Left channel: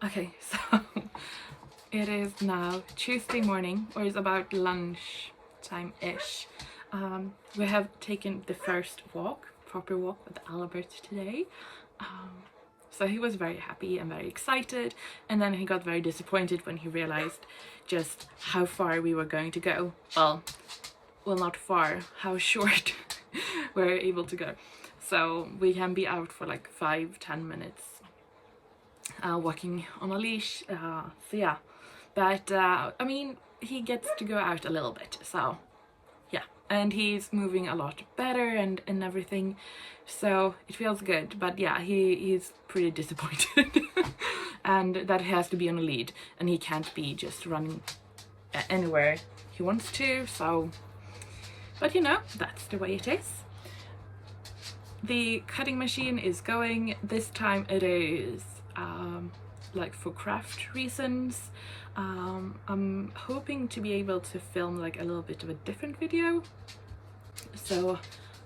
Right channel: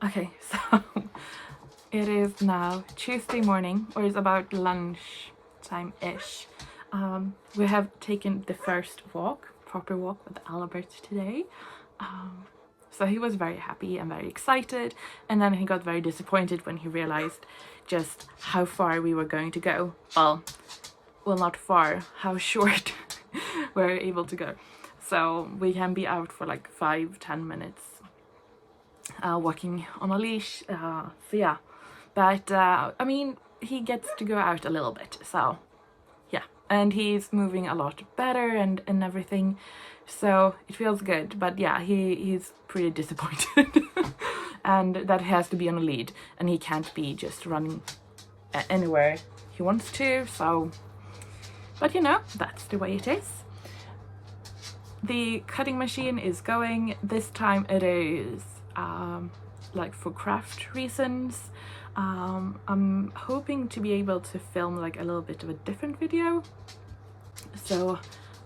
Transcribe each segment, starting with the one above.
Okay, so it is now Tuesday morning, or it's about lunchtime-ish. We have taken the first proper walk with Albert today. So he was very happy and very excited, and then he got very disappointed when he realized just how far we were going to go. Well, not far, how short we're able to go. So we can be out for like 5-10 minutes walking on a leash. So yeah, but I mean, he gets to go out a little bit, so yeah, and he's moving a lot better and everything, so it feels good. But yeah, he's pretty disappointed and that he has to be on a lead and he can't be just running anywhere he wants to. So, but you know, that's the way it is. The cutting machine is going. This time it is like for craft reasons. I'm hoping to be able to film like a little bit of a different video, so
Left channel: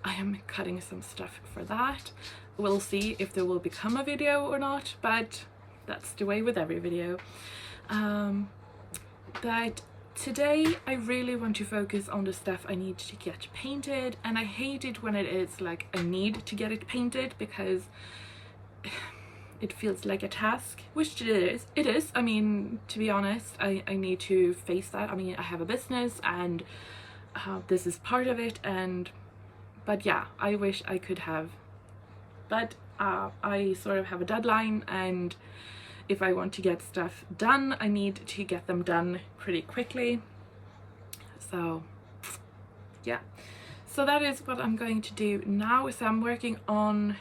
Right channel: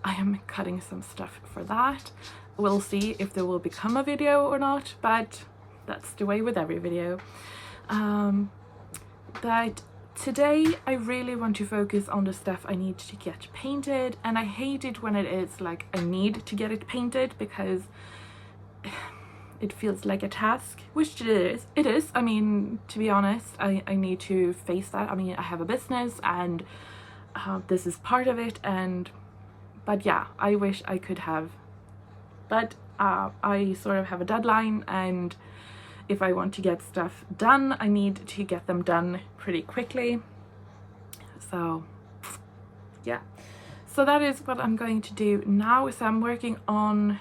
I am cutting some stuff for that. We'll see if there will become a video or not, but that's the way with every video. But today I really want to focus on the stuff I need to get painted, and I hate it when it is like I need to get it painted because it feels like a task, which it is. I mean, to be honest, I need to face that. I mean, I have a business and this is part of it, but yeah, I wish I could have, but I sort of have a deadline, and if I want to get stuff done, I need to get them done pretty quickly. So yeah, so that is what I'm going to do now. So I'm working on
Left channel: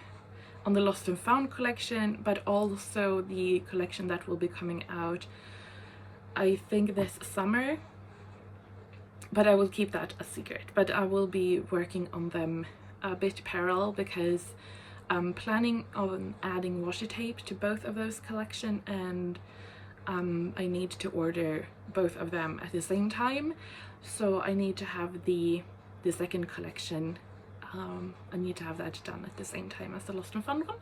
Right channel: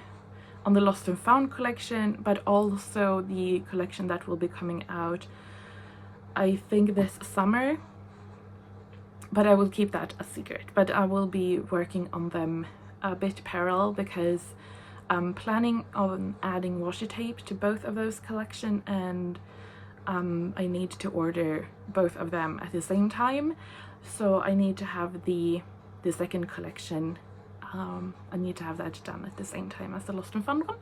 the Lost and Found collection, but also the collection that will be coming out, I think, this summer, but I will keep that a secret. But I will be working on them a bit parallel because I'm planning on adding washi tape to both of those collections, and I need to order both of them at the same time. So I need to have the second collection, I need to have that done at the same time as the Lost and Found one.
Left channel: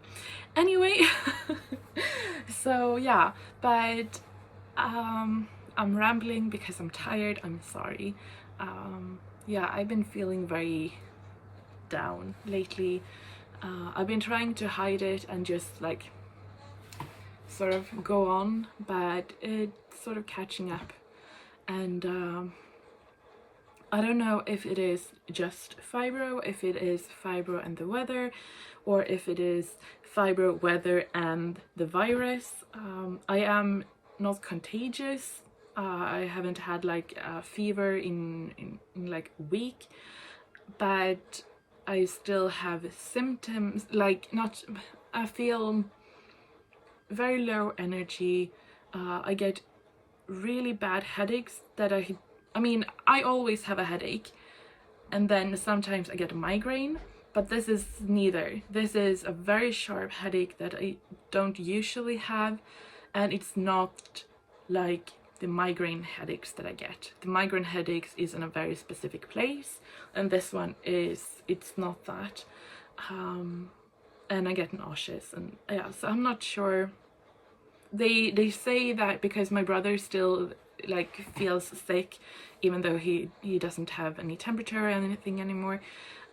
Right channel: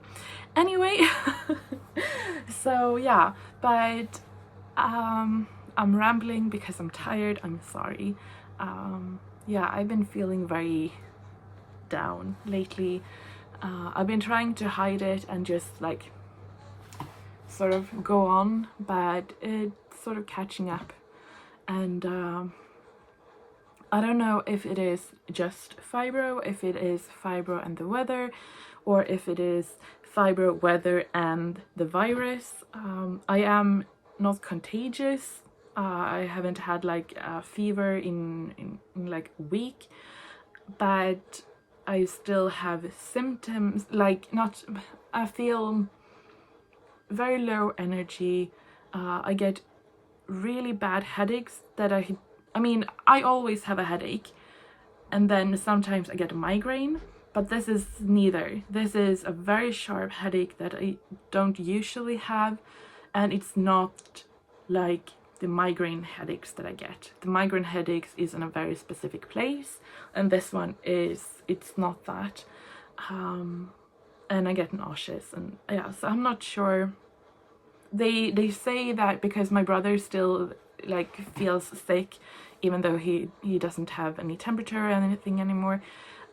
Anyway, so yeah, but I'm rambling because I'm tired, I'm sorry. Yeah, I've been feeling very down lately. I've been trying to hide it and just like sort of go on, but it's sort of catching up, and I don't know if it is just fibro, if it is fibro and the weather, or if it is fibro, weather and the virus. I am not contagious. I haven't had like a fever in like a week, but I still have symptoms, like not, I feel very low energy. I get really bad headaches that I mean, I always have a headache, and then sometimes I get a migraine, but this is neither. This is a very sharp headache that I don't usually have, and it's not like the migraine headaches that I get. The migraine headaches is in a very specific place, and this one it's not that. And I get nauseous, and yeah, so I'm not sure. They say that because my brother still like feels sick, even though he doesn't have any temperature or anything anymore,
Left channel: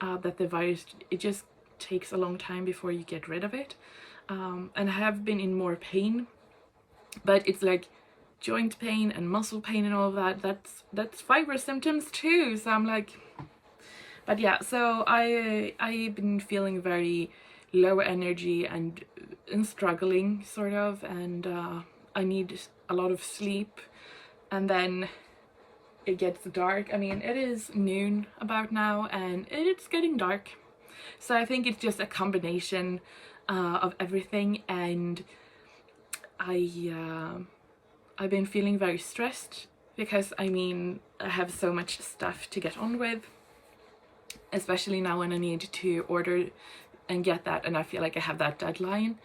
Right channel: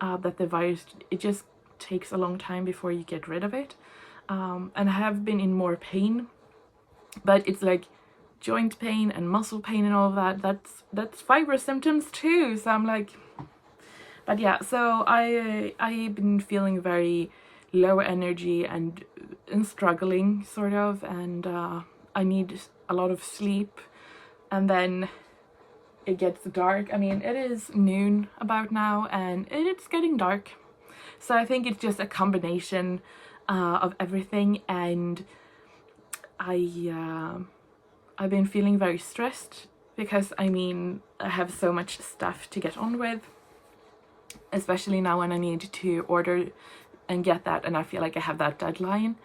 that the virus, it just takes a long time before you get rid of it. And I have been in more pain, but it's like joint pain and muscle pain and all of that. That's fibro symptoms too. So I'm like, but yeah, so I've been feeling very low energy and struggling sort of, and I need a lot of sleep, and then it gets dark. I mean, it is noon about now and it's getting dark, so I think it's just a combination of everything, and I've been feeling very stressed because I mean, I have so much stuff to get on with, especially now when I need to order and get that, and I feel like I have that deadline.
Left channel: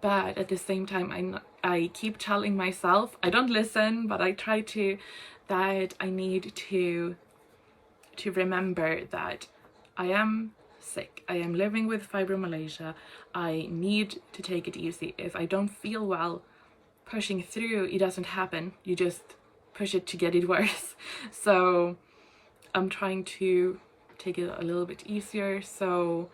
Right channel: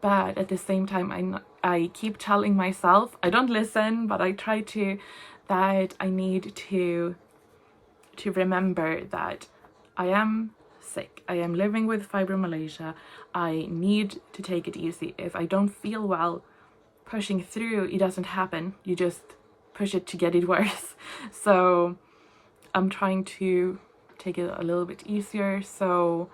But at the same time, I keep telling myself, I don't listen, but I try to, that I need to remember that I am sick. I am living with fibromyalgia. I need to take it easy. If I don't feel well, pushing through, it doesn't happen. You just push it to get it worse. So I'm trying to take it a little bit easier. So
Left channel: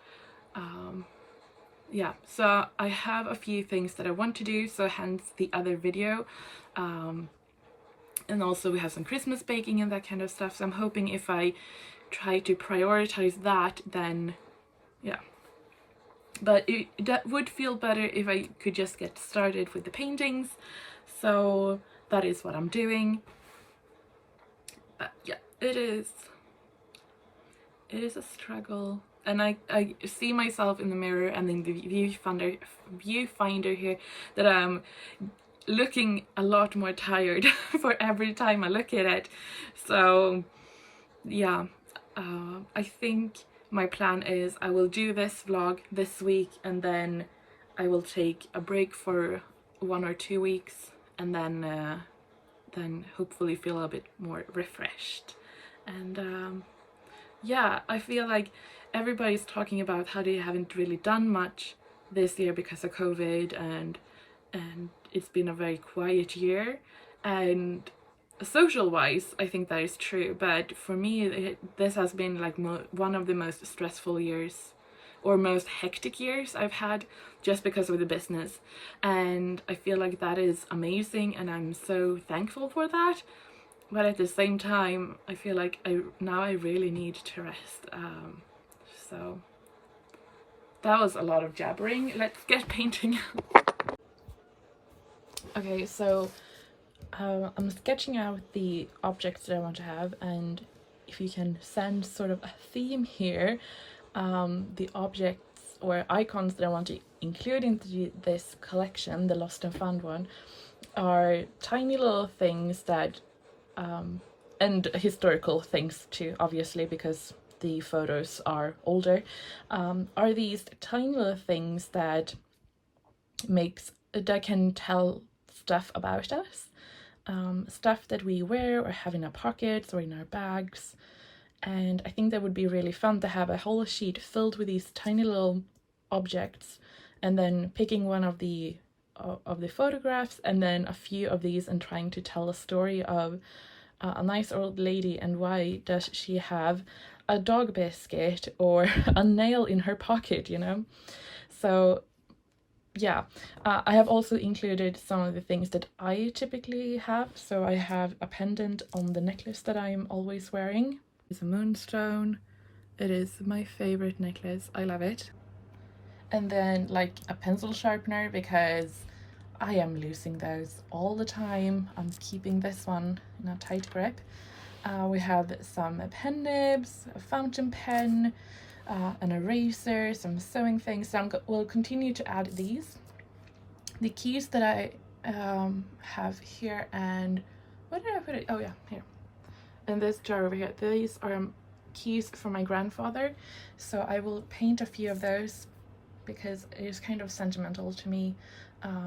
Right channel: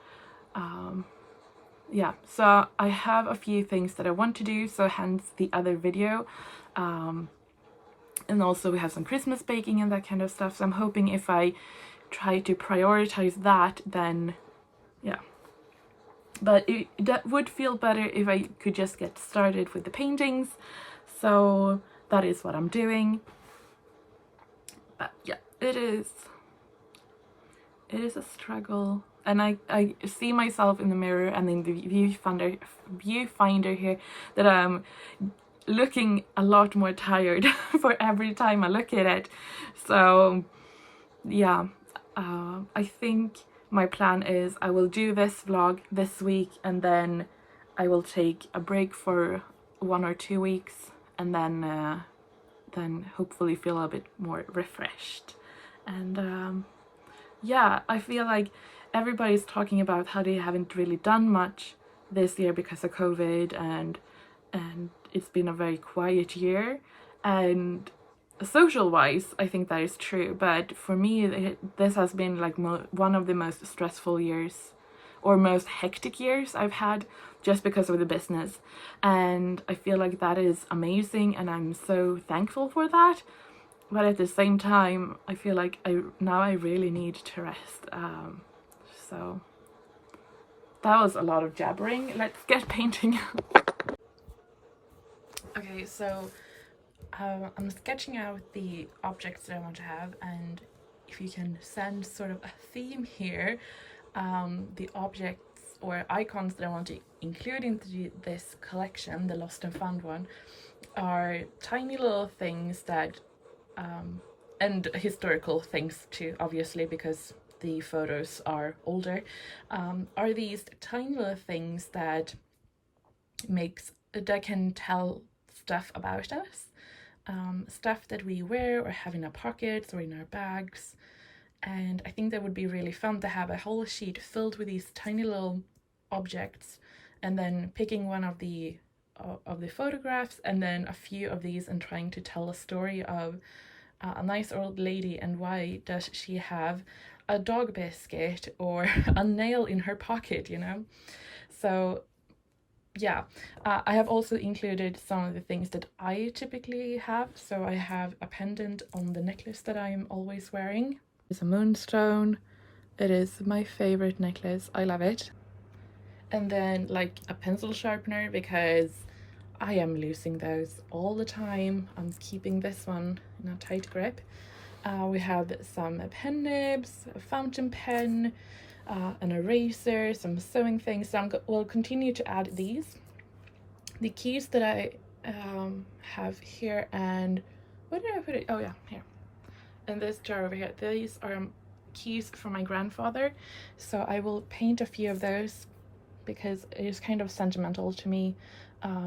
yeah, so I have a few things that I want to do, so hence the other video. And also we have some Christmas baking and that kind of stuff. So I'm hoping if I try to prioritize that, then yeah. But that would feel better if I could just get started with the paintings. So that is what I'm doing. But yeah, it is a struggle. And I see myself in the mirror and in the viewfinder here that I'm looking a lot more tired for every time I look at it. So yeah, I think my plan is I will do this vlog this week, and then I will take a break for 1 or 2 weeks, and then hopefully feel a bit more refreshed. And yeah, I feel like everybody's talking about how they haven't really done much this year because of COVID, and it's been a very quiet year. And social wise, I think that is true, but for me this has been like one of the most stressful years, or most hectic years I've had, just because of the business. And I feel like that is amazing, and I'm so thankful for that. But at the same time, I feel like I really need to rest. So that was a lot of jabbering. Let's get painting. Okay, so I'm sketching out the objects that I want to have, and if you can sense sort of a theme here, the objects or icons that I want to include into this collection, the Lost and Found one, are tiny little things that, and historical things too, obviously, because the photos are older, are these tiny little things that can tell stuff about us. Stuff that we wear or have in our pockets or in our bags. And I think that would be really fun to have a whole sheet filled with these tiny little objects, and then picking one of the photographs and then a few of these and trying to tell a story of a nice old lady, and why does she have a dog biscuit or a nail in her pocket, you know? So yeah, I have also included some of the things that I typically have. So I have a pendant on the necklace that I'm always wearing. It's a moonstone. It is my favorite necklace. I love it. And then like a pencil sharpener, because I am losing those all the time. I'm keeping this one in a tight grip. We have some pen nibs, a fountain pen, an eraser, some sewing things. So we'll continue to add these. The keys that I have here, and where did I put it? Oh yeah, here. In this jar over here. These are keys from my grandfather. So I will paint a few of those because it is kind of sentimental to me.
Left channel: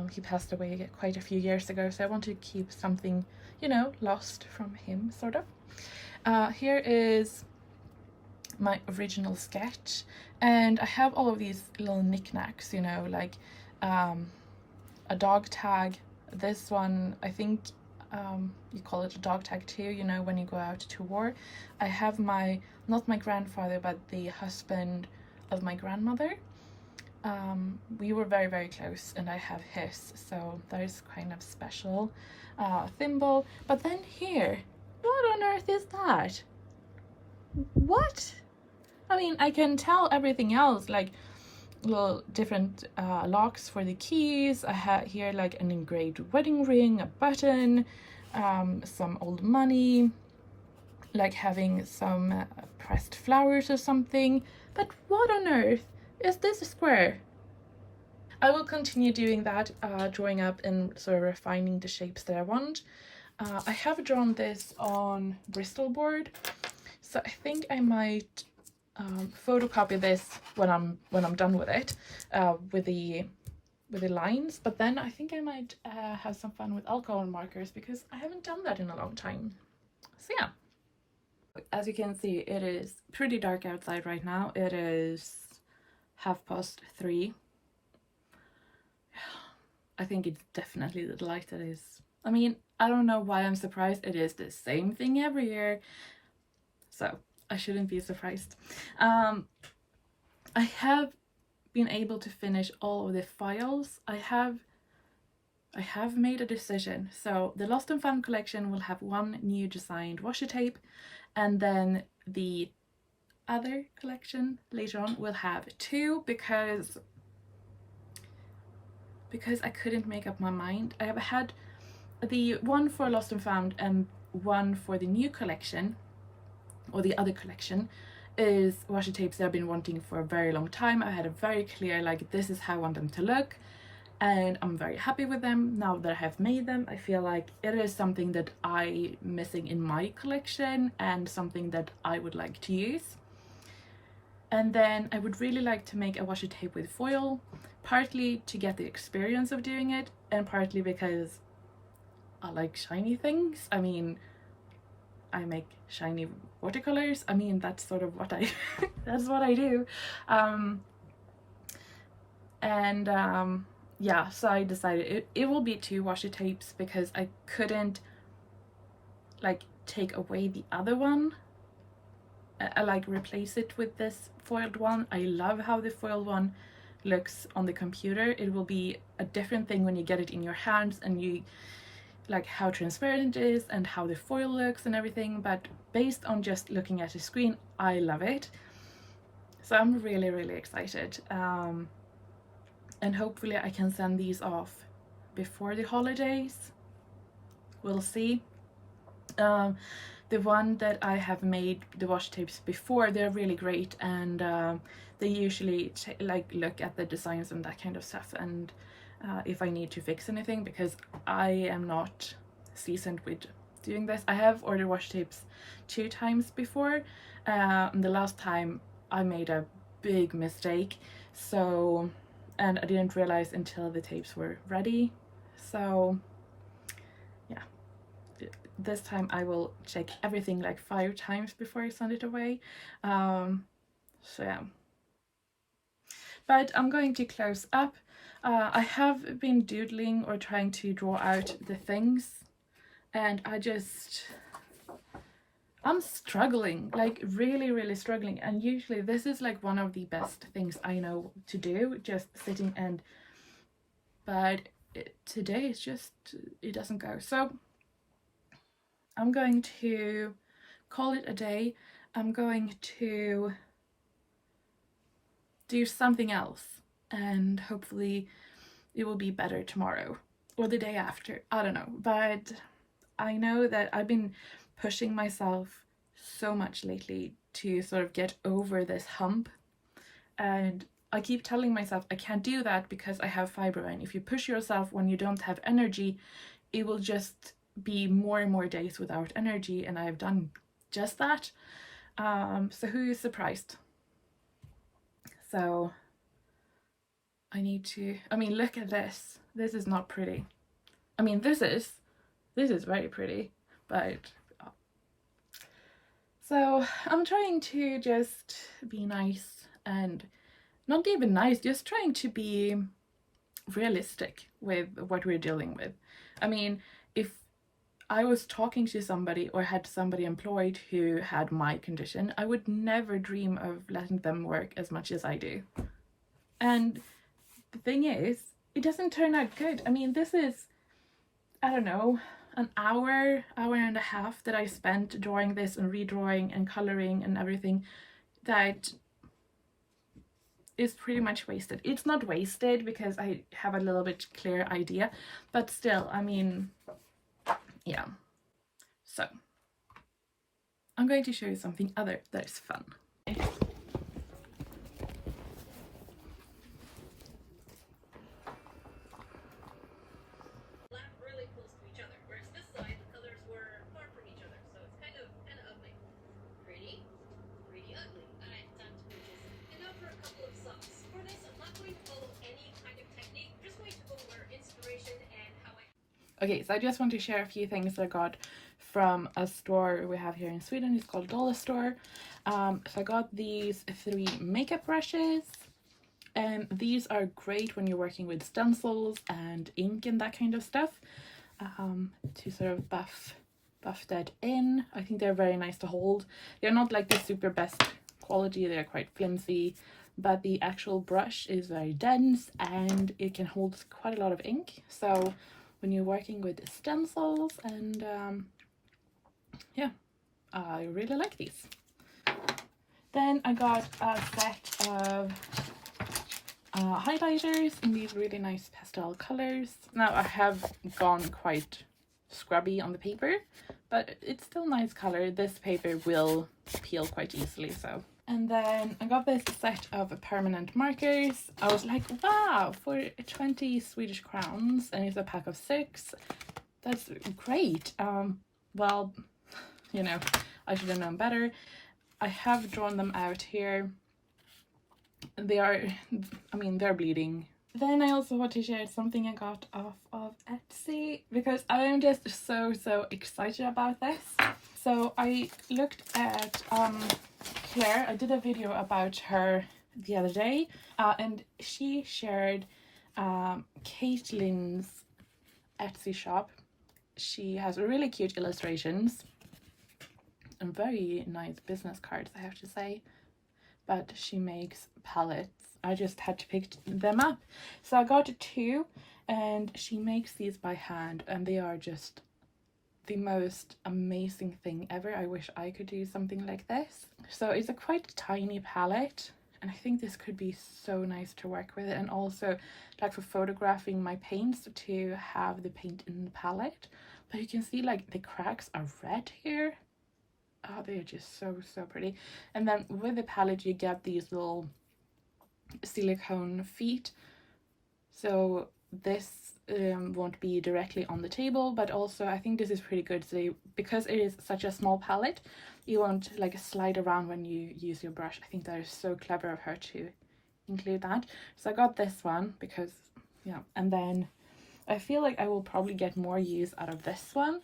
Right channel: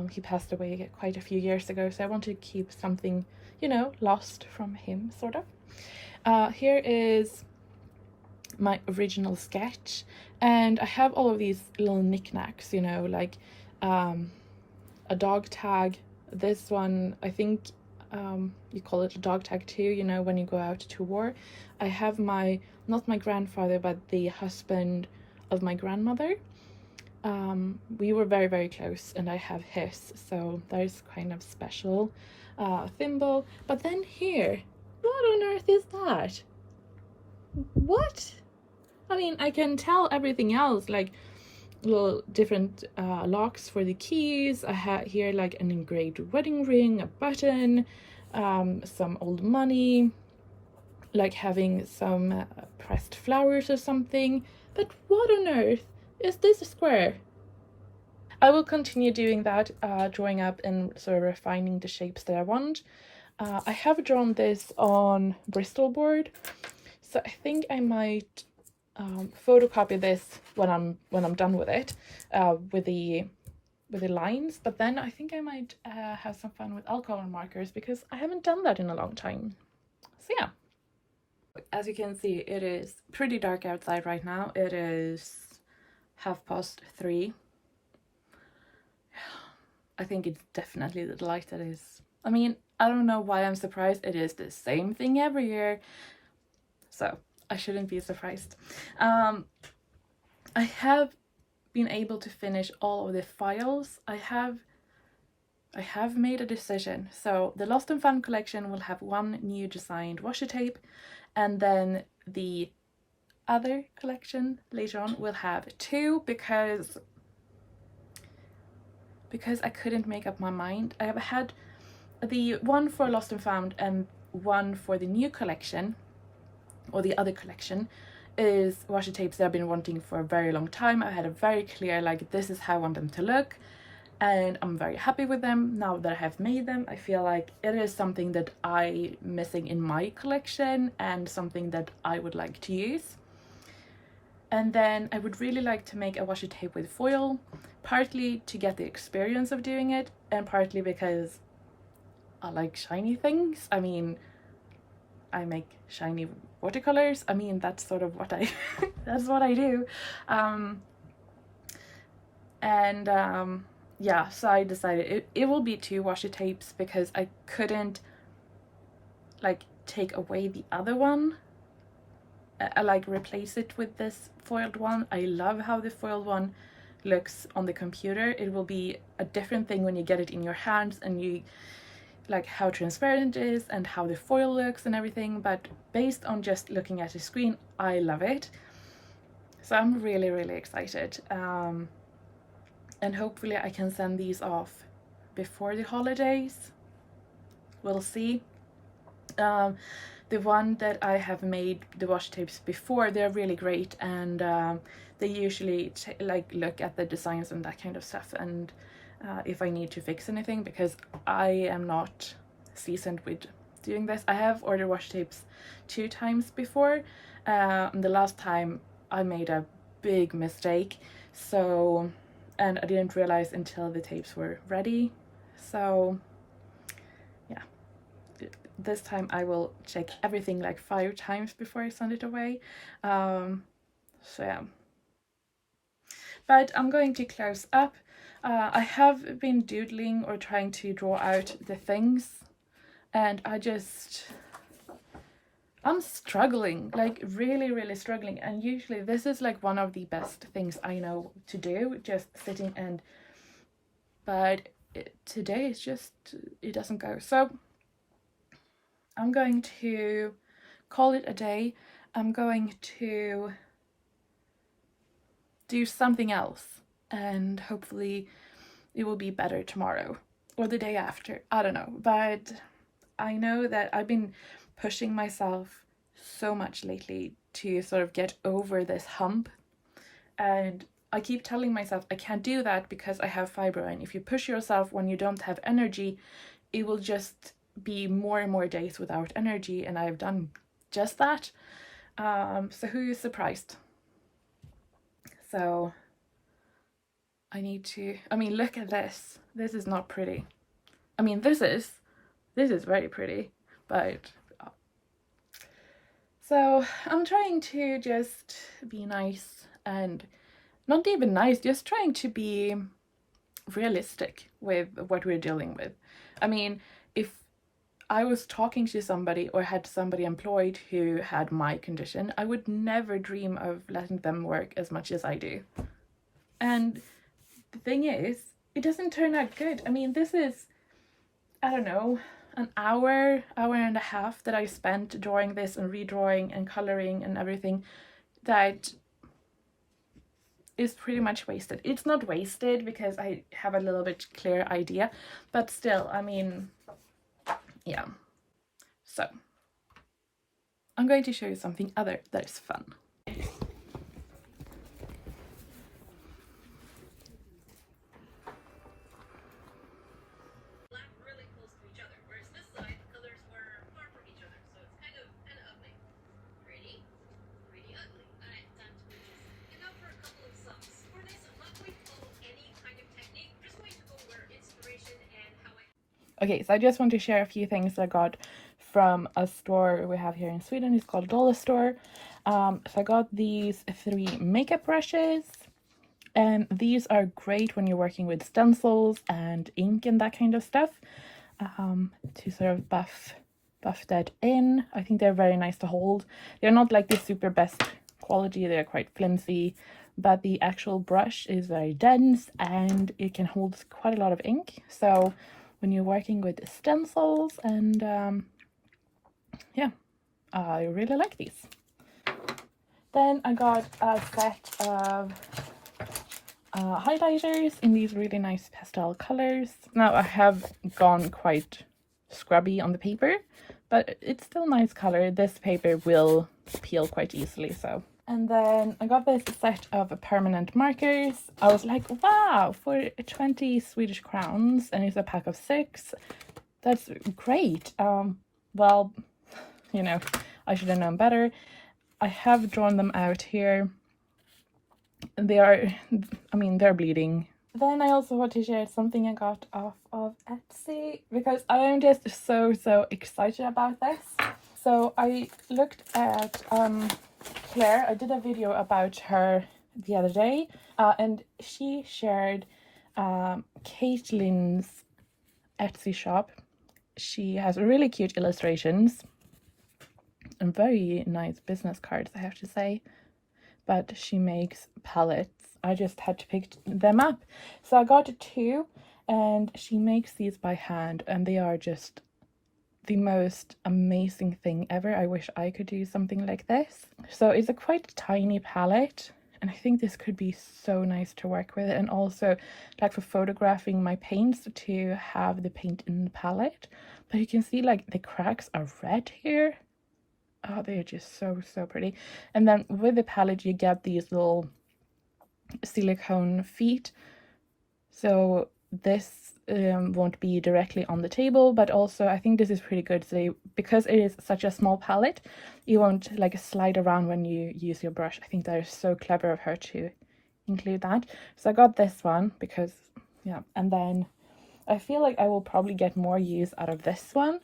He passed away quite a few years ago, so I want to keep something, you know, lost from him, sort of. Here is my original sketch, and I have all of these little knickknacks, you know, like a dog tag. This one, I think you call it a dog tag too, you know, when you go out to war. I have not my grandfather, but the husband of my grandmother. We were very, very close, and I have his, so that is kind of special. Thimble. But then here, what on earth is that? What? I mean, I can tell everything else, like little different locks for the keys. I have here like an engraved wedding ring, a button, some old money, like having some pressed flowers or something. But what on earth is this square? I will continue doing that, drawing up and sort of refining the shapes that I want. I have drawn this on Bristol board, so I think I might photocopy this when I'm done with it, with the lines. But then I think I might have some fun with alcohol markers, because I haven't done that in a long time. So yeah. As you can see, it is pretty dark outside right now. It is 3:30. I think it's definitely the light that is, I mean, I don't know why I'm surprised. It is the same thing every year, so I shouldn't be surprised. I have been able to finish all of the files. I have made a decision. So the Lost and Found collection will have one new designed washi tape, and then the other collection later on will have two, because I couldn't make up my mind. I have had the one for Lost and Found and one for the new collection, or the other collection, is washi tapes that I've been wanting for a very long time. I had a very clear, like, this is how I want them to look, and I'm very happy with them. Now that I have made them, I feel like it is something that I'm missing in my collection and something that I would like to use. And then I would really like to make a washi tape with foil, partly to get the experience of doing it, and partly because I like shiny things. I mean, I make shiny watercolors. I mean, that's sort of what I that's what I do. Yeah, so I decided it will be two washi tapes, because I couldn't like take away the other one. I like replace it with this foiled one. I love how the foiled one looks on the computer. It will be a different thing when you get it in your hands, and you like how transparent it is and how the foil looks and everything, but based on just looking at the screen, I love it. So I'm really, really excited. And hopefully I can send these off before the holidays. We'll see. The one that I have made the washi tapes before, they're really great, and they usually like look at the designs and that kind of stuff, and if I need to fix anything, because I am not seasoned with doing this. I have ordered washi tapes 2 times before. The last time I made a big mistake, so, and I didn't realize until the tapes were ready. So yeah, this time I will check everything like 5 times before I send it away. So yeah, but I'm going to close up. I have been doodling or trying to draw out the things, and I'm struggling, like really, really struggling. And usually this is like one of the best things I know to do, just sitting and, but today it's just, it doesn't go. So I'm going to call it a day. I'm going to do something else, and hopefully it will be better tomorrow or the day after. I don't know, but I know that I've been pushing myself so much lately to sort of get over this hump, and I keep telling myself I can't do that because I have fibro, and if you push yourself when you don't have energy, it will just be more and more days without energy, and I've done just that. So who is surprised? So I need to, I mean, look at this. This is not pretty. I mean, this is very pretty, but so I'm trying to just be nice, and not even nice, just trying to be realistic with what we're dealing with. I mean, if I was talking to somebody or had somebody employed who had my condition, I would never dream of letting them work as much as I do. And the thing is, it doesn't turn out good. I mean, this is, I don't know, an hour and a half that I spent drawing this and redrawing and coloring and everything that is pretty much wasted. It's not wasted because I have a little bit clearer idea, but still, I mean, yeah. So I'm going to show you something other that is fun. Okay, so I just want to share a few things I got from a store we have here in Sweden. It's called Dollar Store. So I got these 3 makeup brushes, These are great when you're working with stencils and ink and that kind of stuff, to sort of buff that in. I think they're very nice to hold. They're not like the super best quality, they're quite flimsy, but the actual brush is very dense and it can hold quite a lot of ink. So when you're working with stencils and yeah, I really like these. Then I got a set of highlighters in these really nice pastel colors. Now I have gone quite scrubby on the paper, but it's still nice color. This paper will peel quite easily, so. And then I got this set of permanent markers. I was like, wow, for 20 Swedish crowns, and it's a pack of 6. That's great. Well, you know, I should have known better. I have drawn them out here. They are, I mean, they're bleeding. Then I also want to share something I got off of Etsy, because I'm just so excited about this. So I looked at Claire. I did a video about her the other day, and she shared Caitlin's Etsy shop. She has really cute illustrations and very nice business cards, I have to say. But she makes palettes. I just had to pick them up. So I got 2, and she makes these by hand, and they are just the most amazing thing ever. I wish I could do something like this. So it's a quite tiny palette, and I think this could be so nice to work with, and also like for photographing my paints, to have the paint in the palette. But you can see like the cracks are red here. Oh, they're just so pretty. And then with the palette you get these little silicone feet, so this won't be directly on the table, but also I think this is pretty good. So because it is such a small palette, you won't like slide around when you use your brush. I think that is so clever of her to include that. So I got this one because, yeah, and then I feel like I will probably get more use out of this one.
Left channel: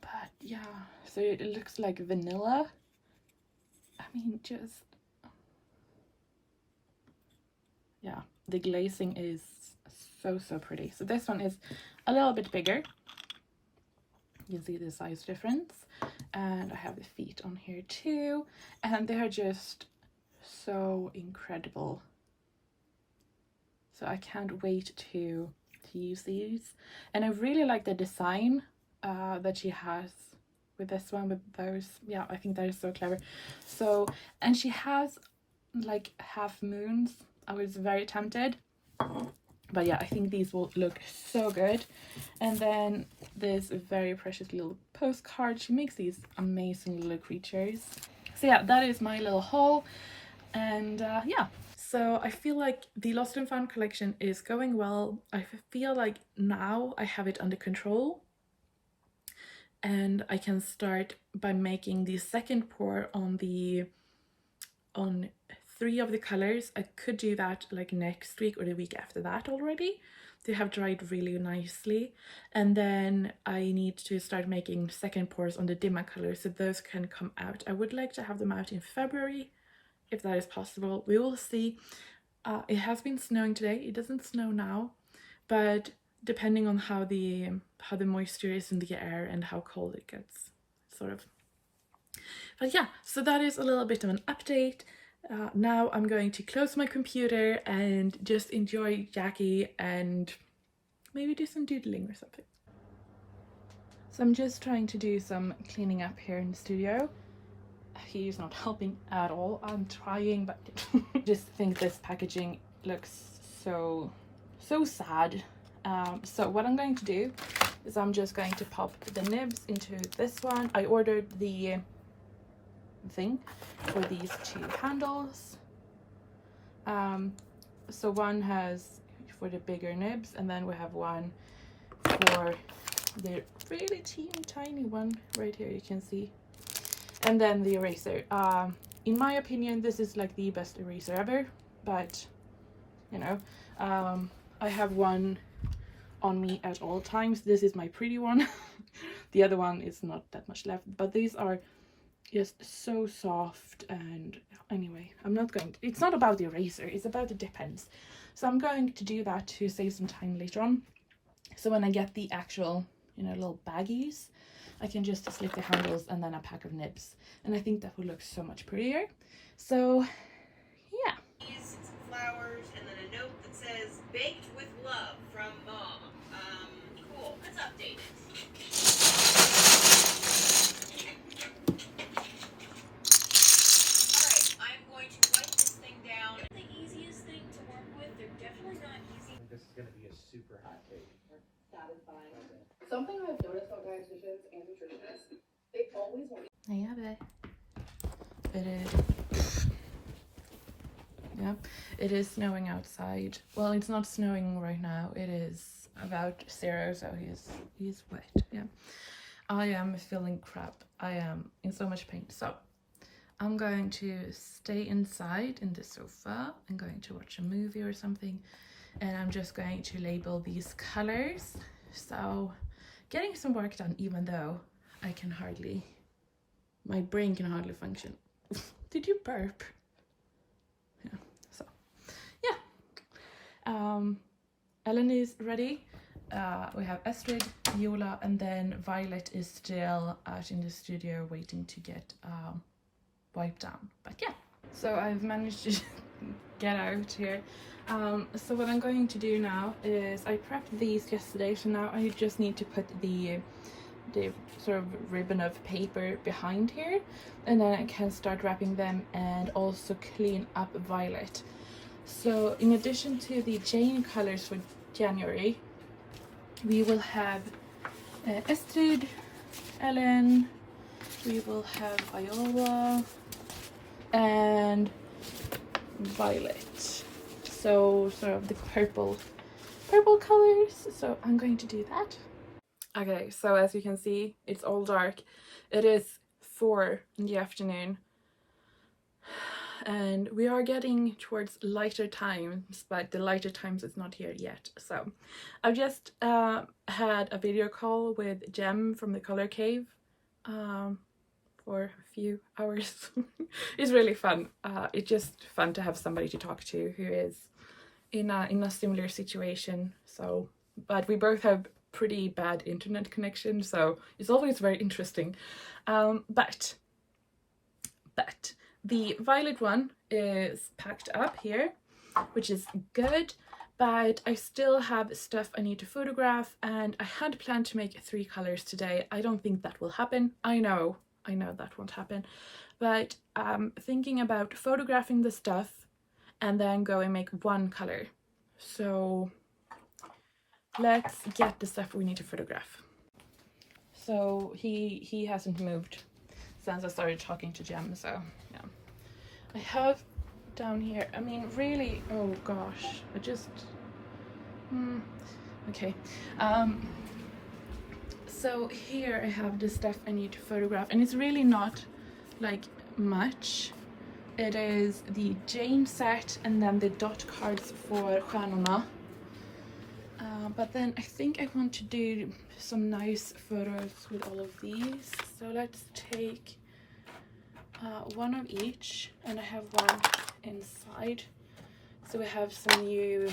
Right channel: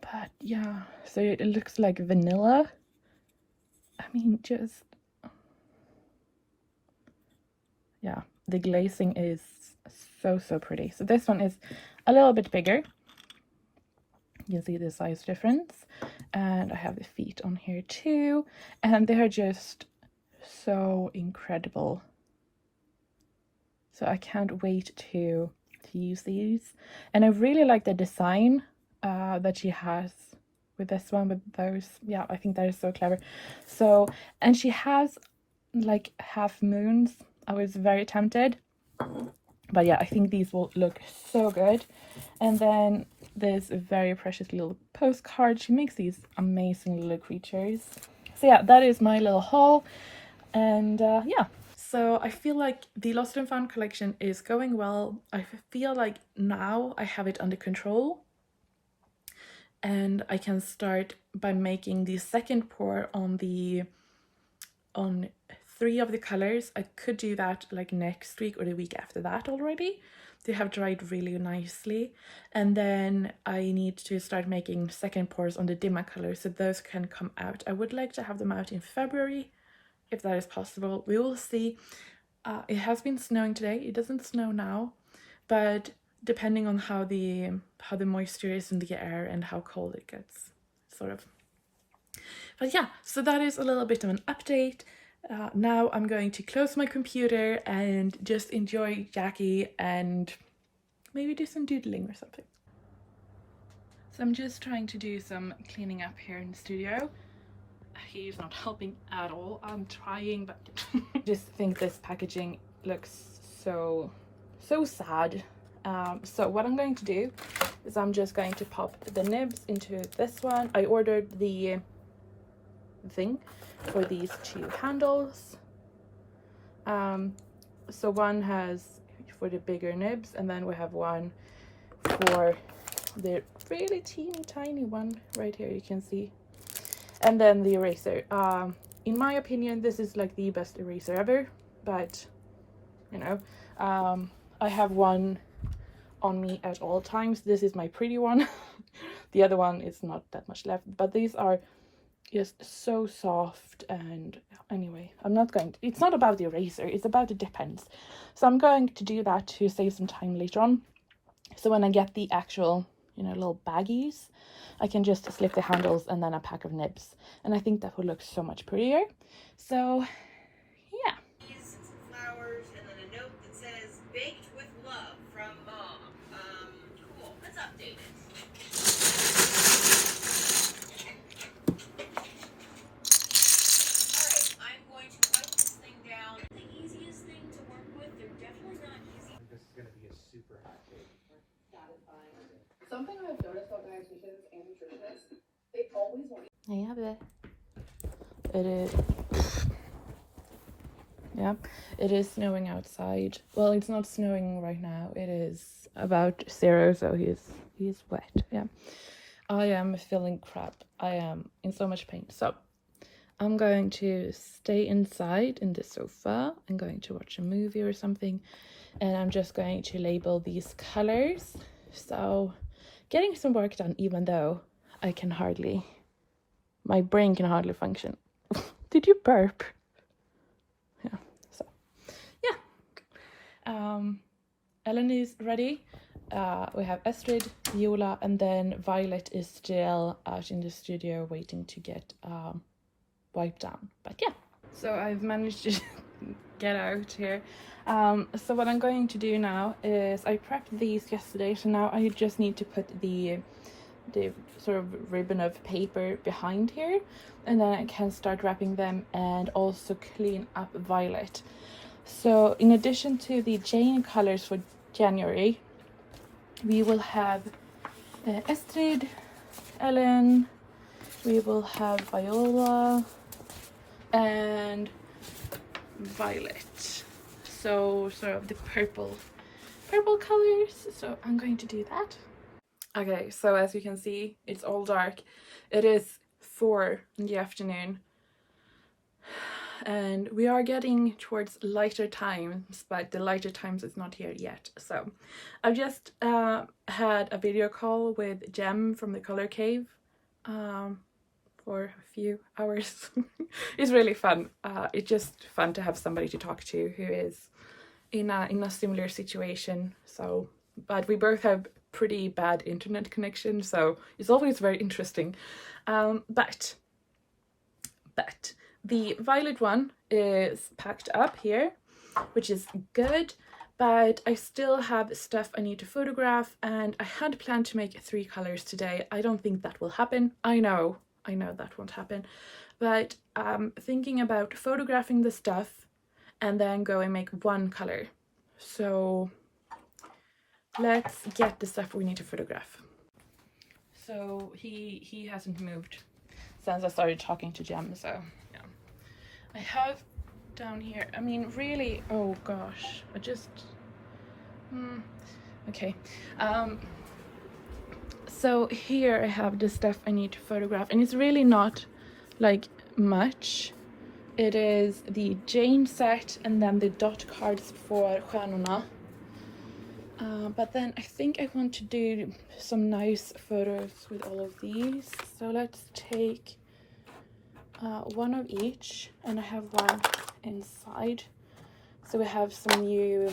But yeah, so it looks like vanilla. I mean, just, yeah, the glazing is so pretty. So this one is a little bit bigger. You see the size difference. And I have the feet on here too. And they're just so incredible. So I can't wait to use these. And I really like the design that she has with this one, with those. Yeah, I think that is so clever. So, and she has like half moons. I was very tempted, but yeah, I think these will look so good. And then this very precious little postcard. She makes these amazing little creatures. So yeah, that is my little haul. And yeah, so I feel like the Lost and Found collection is going well. I feel like now I have it under control, and I can start by making the second pour on 3 of the colors. I could do that like next week or the week after that already. They have dried really nicely. And then I need to start making second pours on the dimmer colors, so those can come out. I would like to have them out in February, if that is possible. We will see. It has been snowing today. It doesn't snow now, but depending on how the moisture is in the air and how cold it gets, sort of. But yeah, so that is a little bit of an update. Now I'm going to close my computer and just enjoy Jackie and maybe do some doodling or something. So I'm just trying to do some cleaning up here in the studio. He's not helping at all. I'm trying, but I just think this packaging looks so sad. So what I'm going to do is I'm just going to pop the nibs into this one. I ordered the thing for these 2 handles. So one has for the bigger nibs, and then we have one for the really teeny tiny one right here, you can see. And then the eraser. In my opinion, this is like the best eraser ever, but you know, I have one on me at all times. This is my pretty one. The other one is not that much left, but these are just so soft. And anyway, I'm not going to, it's not about the eraser, it's about the dip pens. So I'm going to do that to save some time later on. So when I get the actual, you know, little baggies, I can just slip the handles and then a pack of nibs. And I think that would look so much prettier. So yeah. Some flowers and then a note that says baked with love from mom. Cool. Let's update it. Alright, I'm going to write this thing down. The easiest thing to work with, they're definitely not easy. This is going to be a super hot cake. Satisfying. Something I've noticed about dietitians and nutritionists, they always want. I have it. It is. Yeah, it is snowing outside. Well, it's not snowing right now. It is about 0, so he's wet. Yeah, I am feeling crap. I am in so much pain. So I'm going to stay inside in the sofa. I'm going to watch a movie or something, and I'm just going to label these colors. So getting some work done, even though my brain can hardly function. Did you burp? Yeah, so yeah. Ellen is ready. We have Astrid, Viola, and then Violet is still out in the studio waiting to get wiped down. But yeah, so I've managed to get out here. So what I'm going to do now is I prepped these yesterday, so now I just need to put the sort of ribbon of paper behind here, and then I can start wrapping them and also clean up Violet. So in addition to the Jane colors for January, we will have Astrid, Ellen, we will have Viola and Violet, so sort of the purple colors. So I'm going to do that. Okay, so as you can see, it's all dark. It is 4 in the afternoon, and we are getting towards lighter times, but the lighter times is not here yet. So I've just had a video call with Jem from the Color Cave for a few hours. It's really fun. It's just fun to have somebody to talk to who is in a similar situation. So, but we both have pretty bad internet connection, so it's always very interesting. But the Violet one is packed up here, which is good, but I still have stuff I need to photograph, and I had planned to make 3 colors today. I don't think that will happen. I know that won't happen, but thinking about photographing the stuff and then go and make 1 color. So let's get the stuff we need to photograph. So he hasn't moved since I started talking to Jem, so yeah. I have down here, I mean, really, oh gosh, I just okay. So here I have the stuff I need to photograph, and it's really not like much. It is the Jane set and then the dot cards for Stjärnorna. But then I think I want to do some nice photos with all of these. So let's take 1 of each, and I have 1 inside. So we have some new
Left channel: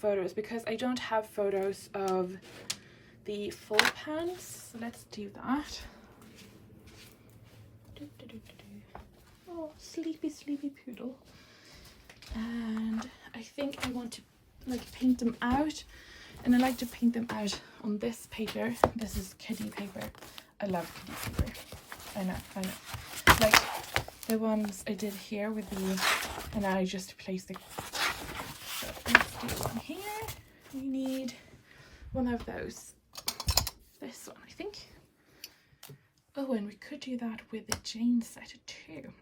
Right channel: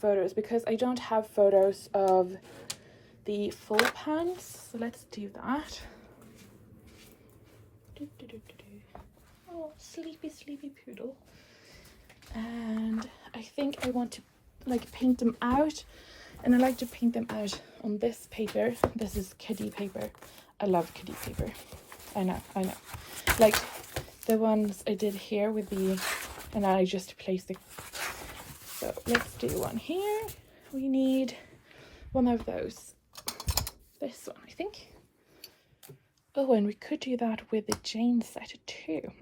photos, because I don't have photos of the full pans. So let's do that. Oh, sleepy poodle. And I think I want to like paint them out, and I like to paint them out on this paper. This is kiddie paper. I love kiddie paper. I know. Like the ones I did here with the, and I just placed it. So let's do 1 here. We need 1 of those. This one, I think. Oh, and we could do that with the Jane set too.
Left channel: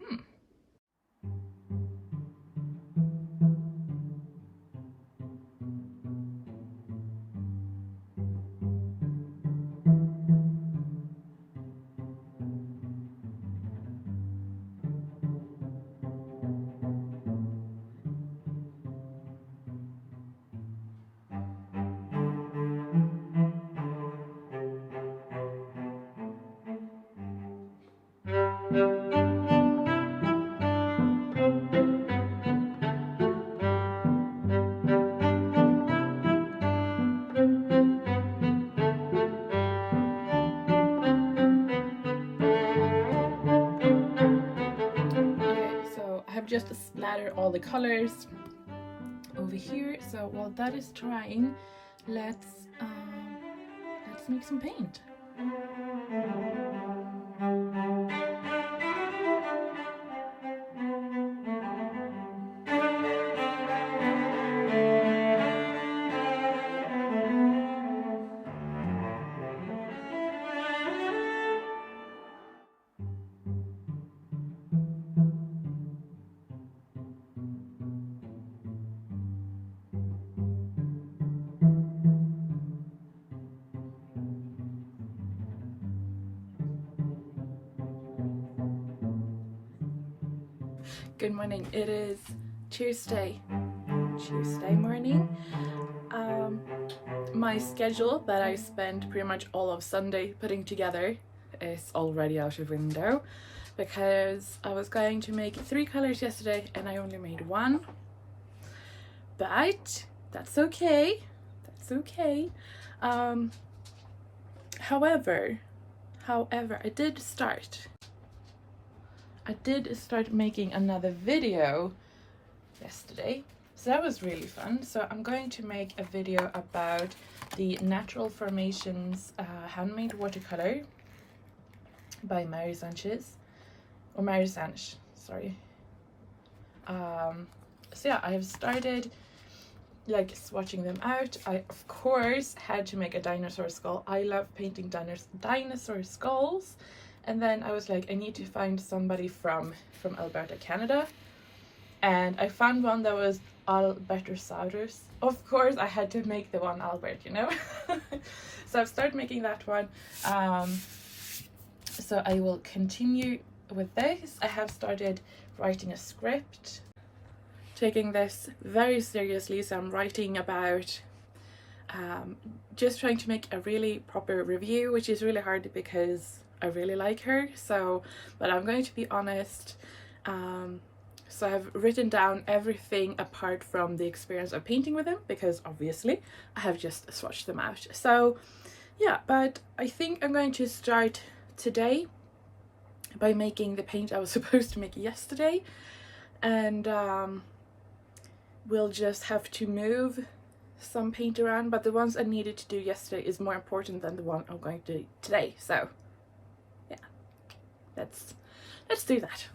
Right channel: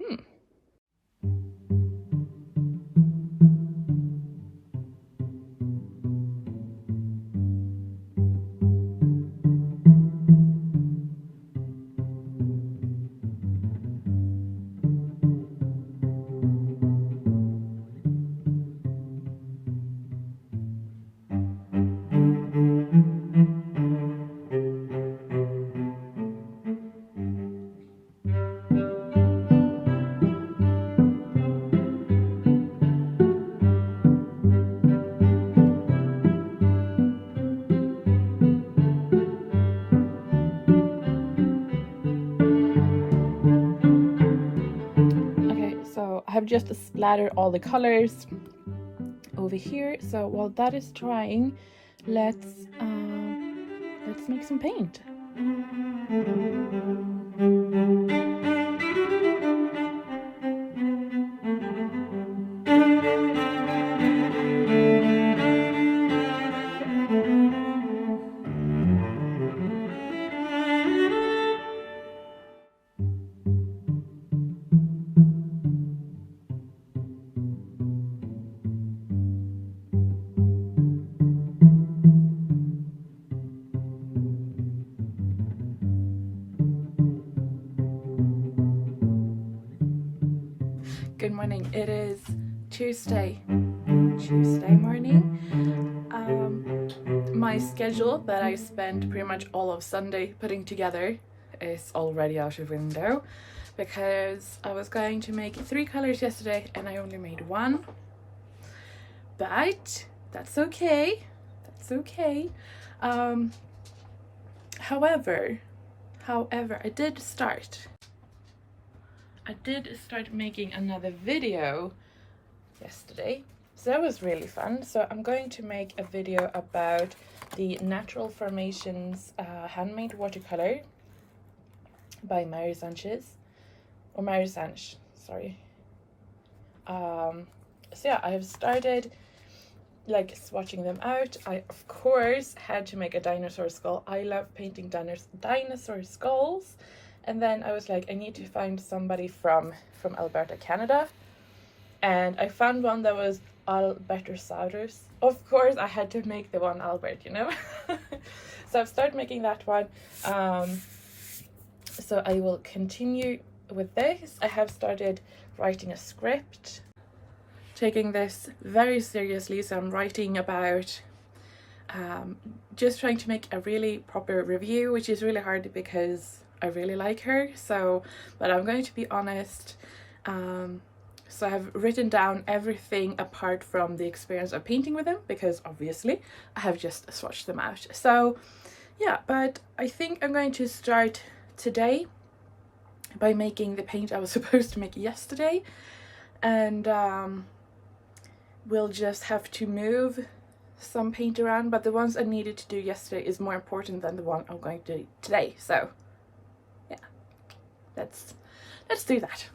have just splattered all the colors over here. So while that is drying, let's make some paint. Good morning. It is Tuesday morning. My schedule that I spent pretty much all of Sunday putting together is already out of window because I was going to make 3 colors yesterday and I only made 1. But that's okay. That's okay. However, I did start making another video yesterday, so that was really fun. So I'm going to make a video about the Natural Formations handmade watercolor by Mary Sanchez, sorry. So yeah, I have started like swatching them out. I of course had to make a dinosaur skull. I love painting dinosaur skulls. And then I was like, I need to find somebody from Alberta, Canada. And I found one that was Albertosaurus. Of course, I had to make the one Albert, you know? So I've started making that one. So I will continue with this. I have started writing a script. Taking this very seriously. So I'm writing about just trying to make a really proper review, which is really hard because I really like her. So, but I'm going to be honest. So I have written down everything apart from the experience of painting with them because obviously I have just swatched them out. So yeah, but I think I'm going to start today by making the paint I was supposed to make yesterday, and we'll just have to move some paint around, but the ones I needed to do yesterday is more important than the one I'm going to do today. So yeah, let's do that.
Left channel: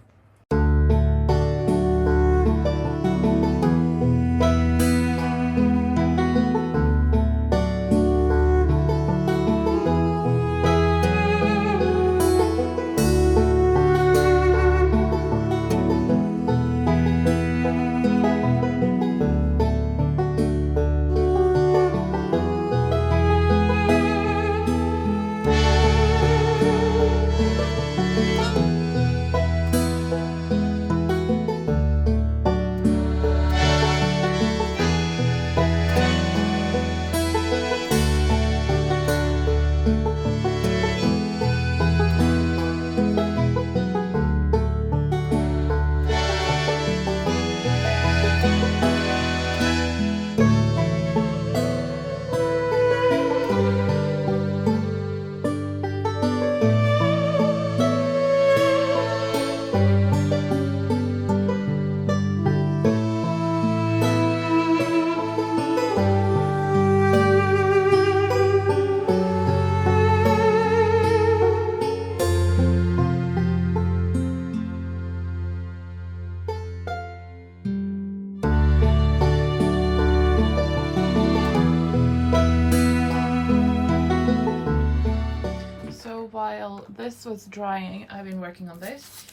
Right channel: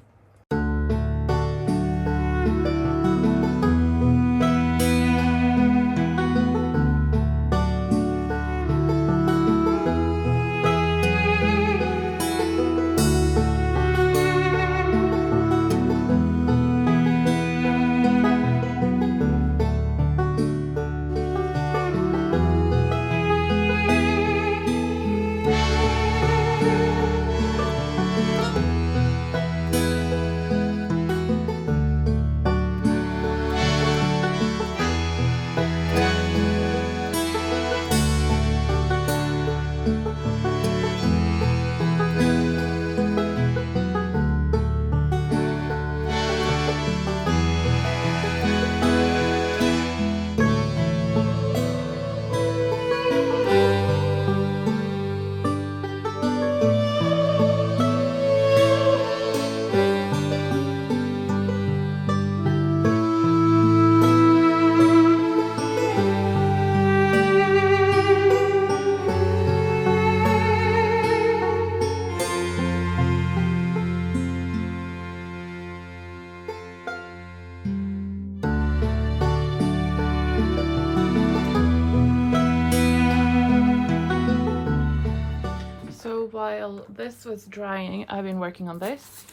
While this was drying, I've been working on this.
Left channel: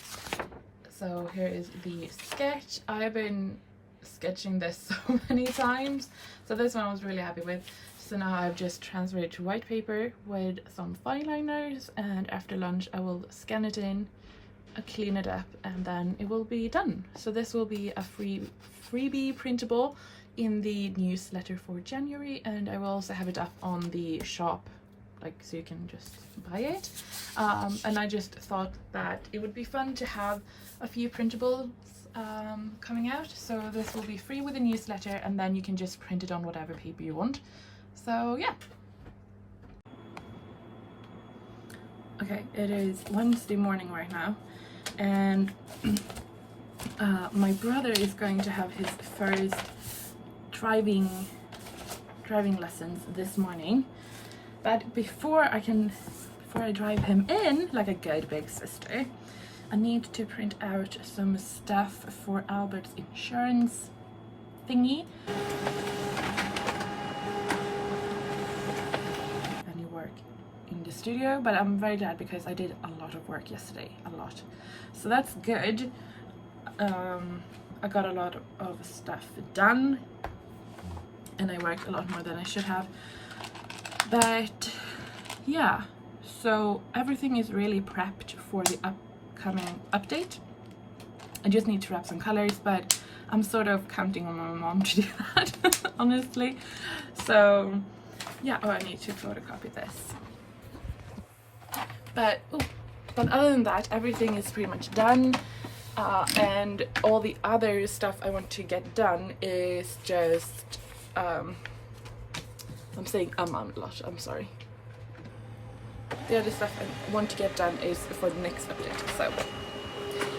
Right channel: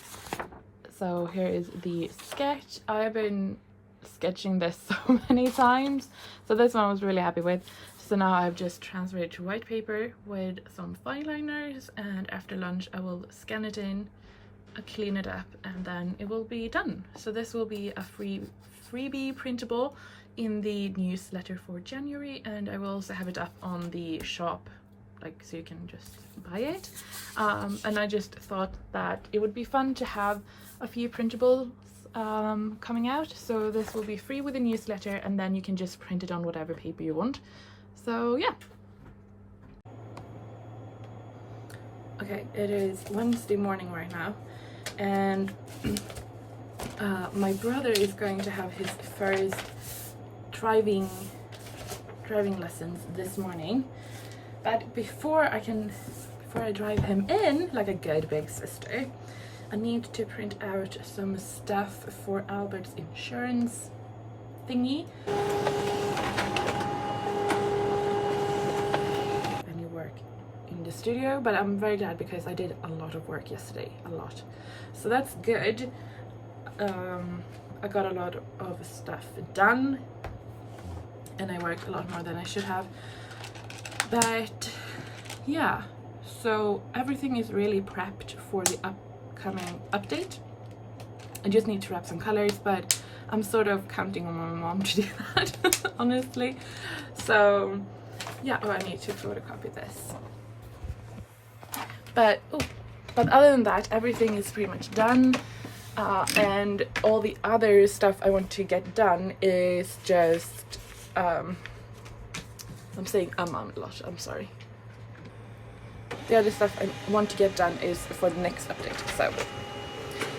So here is the sketch. I've been sketching this so many times, so this one I was really happy with. So now I've just transferred it to white paper with some fine liners, and after lunch I will scan it in, clean it up, and then it will be done. So this will be a freebie printable in the newsletter for January, and I will also have it up on the shop, like, so you can just buy it. And I just thought that it would be fun to have a few printables coming out. So this will be free with the newsletter, and then you can just print it on whatever paper you want. So yeah. Okay, it is Wednesday morning right now, and my brother is going to have his first driving lessons this morning, but before I drive him in like a good big sister, I need to print out some stuff for Albert's insurance thingy. Any work in the studio, but I'm very glad because I did a lot of work yesterday, so that's good. I got a lot of stuff done and I worked a lot more than I should have, but yeah, so everything is really prepped for the upcoming update. I just need to wrap some colors, but I'm sort of counting on my mom to do that honestly. So yeah, I need to photocopy this, but other than that, everything is pretty much done. And all the other stuff I want to get done is just I'm saying a lot, I'm sorry. The other stuff I want to get done is for the next update. So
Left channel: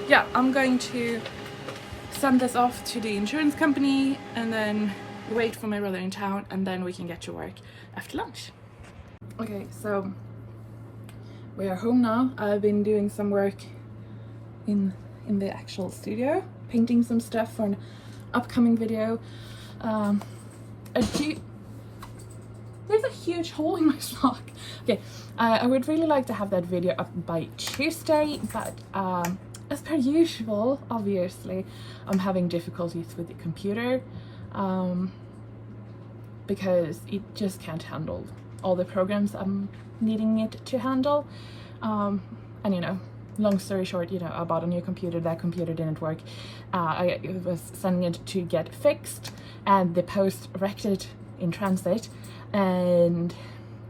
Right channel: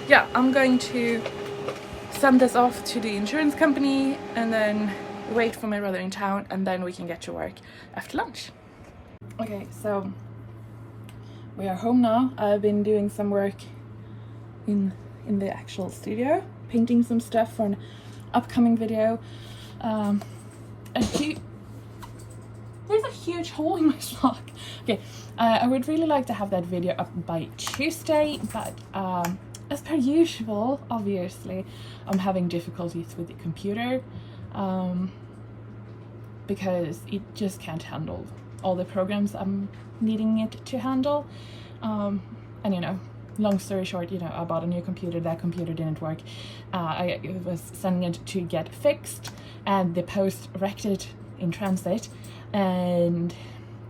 yeah, I'm going to send this off to the insurance company and then wait for my brother in town, and then we can get to work after lunch. Okay, so we are home now. I've been doing some work in the actual studio, painting some stuff for an upcoming video. There's a huge hole in my sock. Okay, I would really like to have that video up by Tuesday, but as per usual, obviously, I'm having difficulties with the computer because it just can't handle all the programs I'm needing it to handle. And you know, long story short, you know, I bought a new computer, that computer didn't work. I was sending it to get fixed, and the post wrecked it in transit, and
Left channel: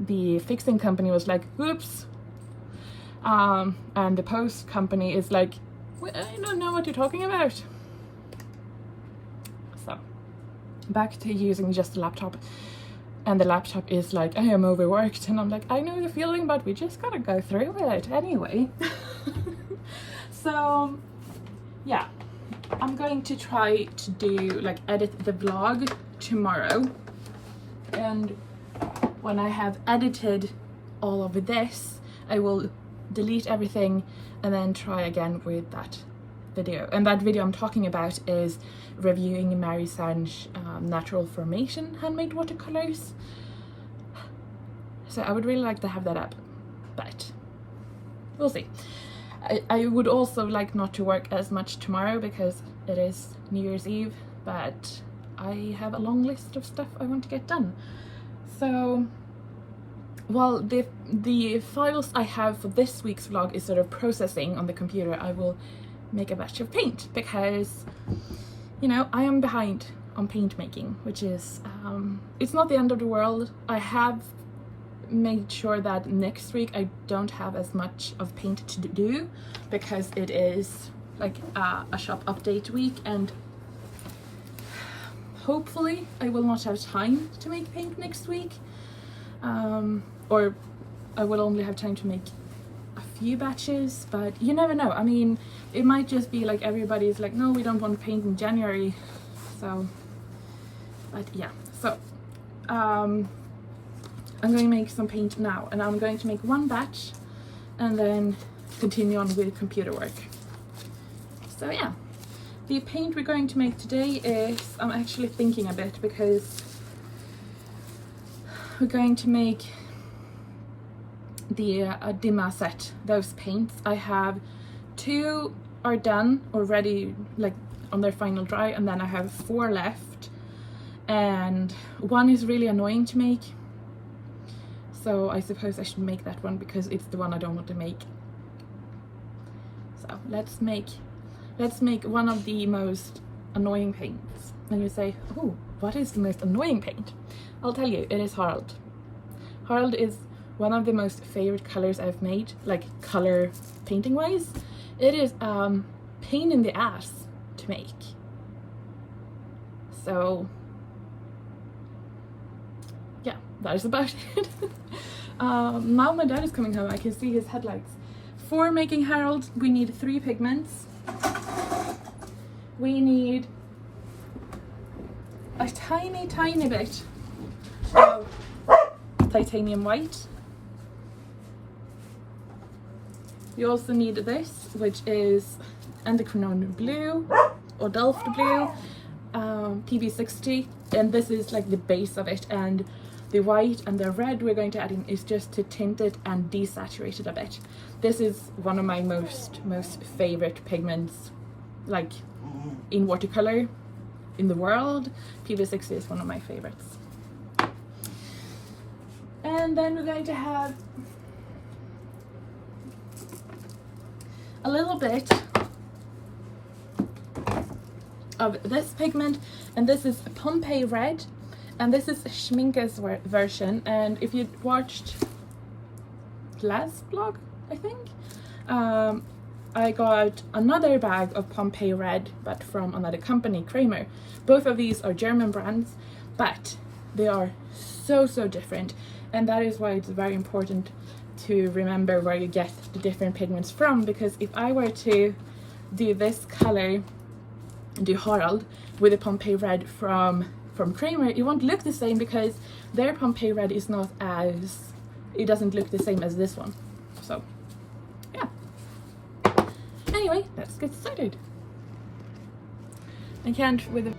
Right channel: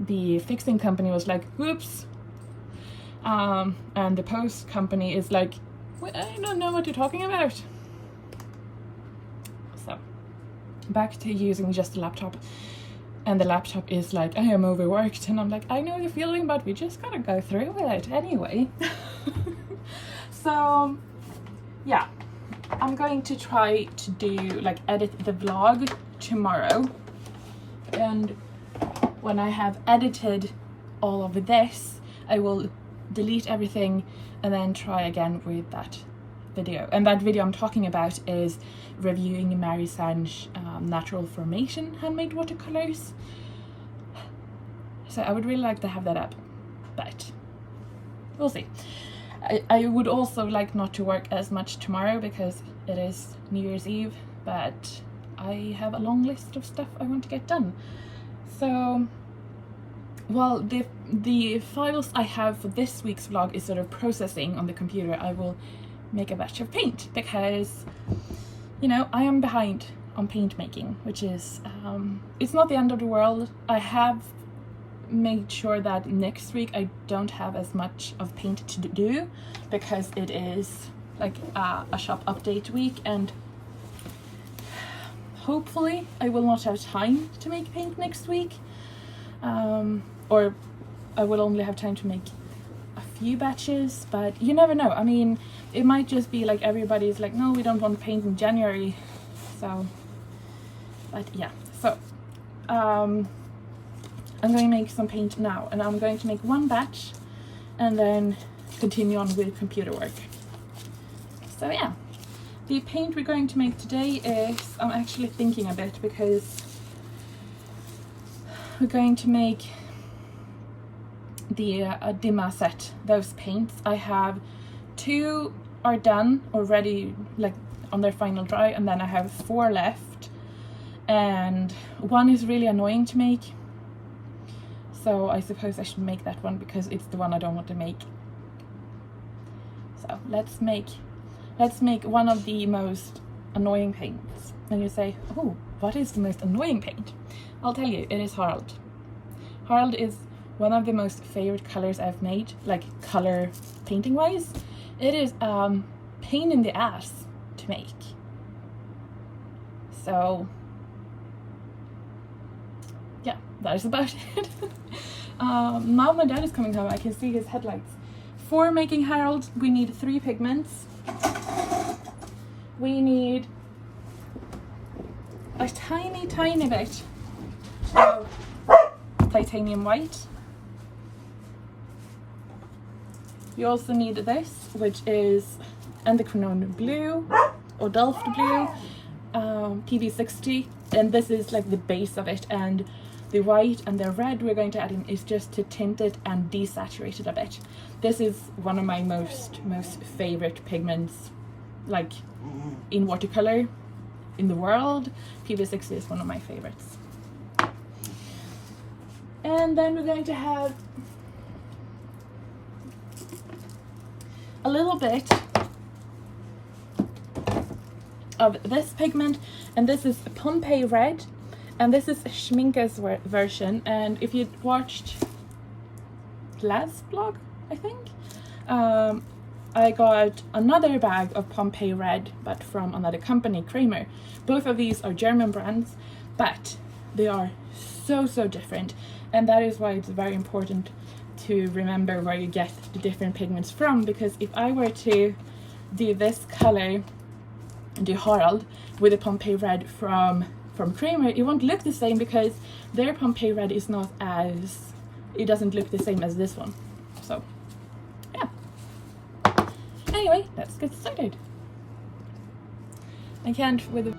the fixing company was like, oops. And the post company is like, well, I don't know what you're talking about. So back to using just a laptop, and the laptop is like, I am overworked, and I'm like, I know the feeling, but we just gotta go through with it anyway. So yeah, I'm going to try to do like edit the vlog tomorrow, and when I have edited all of this, I will delete everything and then try again with that video. And that video I'm talking about is reviewing Mary Sange natural formation handmade watercolors. So I would really like to have that up, but we'll see. I would also like not to work as much tomorrow because it is New Year's Eve, but I have a long list of stuff I want to get done. So, while the files I have for this week's vlog is sort of processing on the computer, I will make a batch of paint because, you know, I am behind on paint making, which is, it's not the end of the world. I have made sure that next week I don't have as much of paint to do because it is like a shop update week, and hopefully I will not have time to make paint next week, or I will only have time to make a few batches, but you never know. I mean, it might just be like everybody's like, no, we don't want paint in January. So, but yeah, so I'm going to make some paint now, and I'm going to make one batch and then continue on with computer work. So yeah, the paint we're going to make today is, I'm actually thinking a bit because we're going to make the Dima set, those paints. I have 2 are done already, like on their final dry, and then I have 4 left, and one is really annoying to make. So I suppose I should make that one because it's the one I don't want to make. So let's make one of the most annoying paints. And you say, oh, what is the most annoying paint? I'll tell you, it is Harald. Harald is one of the most favorite colors I've made, like color painting wise. It is pain in the ass to make. So yeah, that is about it. Now my dad is coming home. I can see his headlights. For making Harald, we need 3 pigments. we need a tiny bit of titanium white. You also need this, which is endocrine blue or Delft blue, PB60, and this is like the base of it, and the white and the red we're going to add in is just to tint it and desaturate it a bit. This is one of my most favorite pigments, like in watercolor in the world. PB60 is one of my favorites. And then we're going to have a little bit of this pigment, and this is Pompeii Red, and this is Schminke's version. And if you watched last vlog, I think, I got another bag of Pompeii Red, but from another company, Kramer. Both of these are German brands, but they are so different, and that is why it's very important to remember where you get the different pigments from, because if I were to do this color, do Harald with a Pompeii Red from Kramer, it won't look the same because their Pompeii Red is not as, it doesn't look the same as this one. So yeah, anyway, let's get started. I can't with a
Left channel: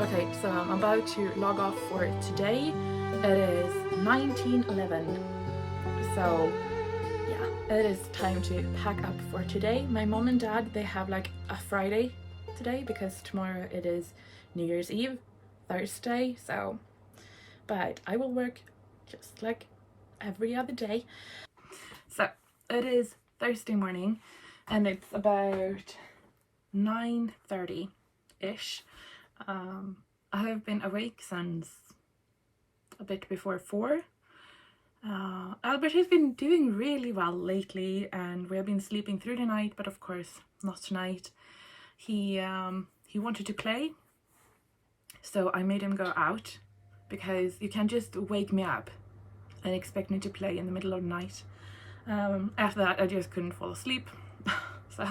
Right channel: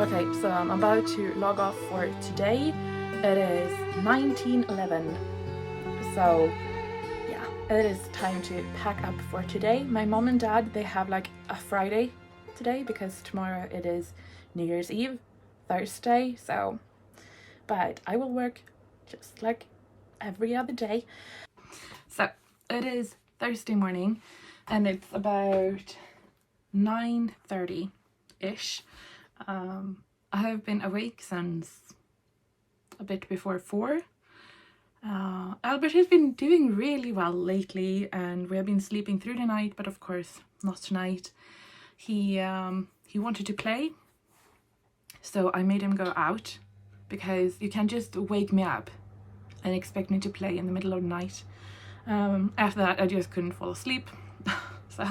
Okay, so I'm about to log off for today. It is 19:11. So yeah, it is time to pack up for today. My mom and dad, they have like a Friday today because tomorrow it is New Year's Eve, Thursday. So, but I will work just like every other day. So it is Thursday morning and it's about 9:30-ish. I have been awake since a bit before 4. Albert has been doing really well lately and we have been sleeping through the night, but of course not tonight. He wanted to play, so I made him go out because you can't just wake me up and expect me to play in the middle of the night. After that I just couldn't fall asleep. So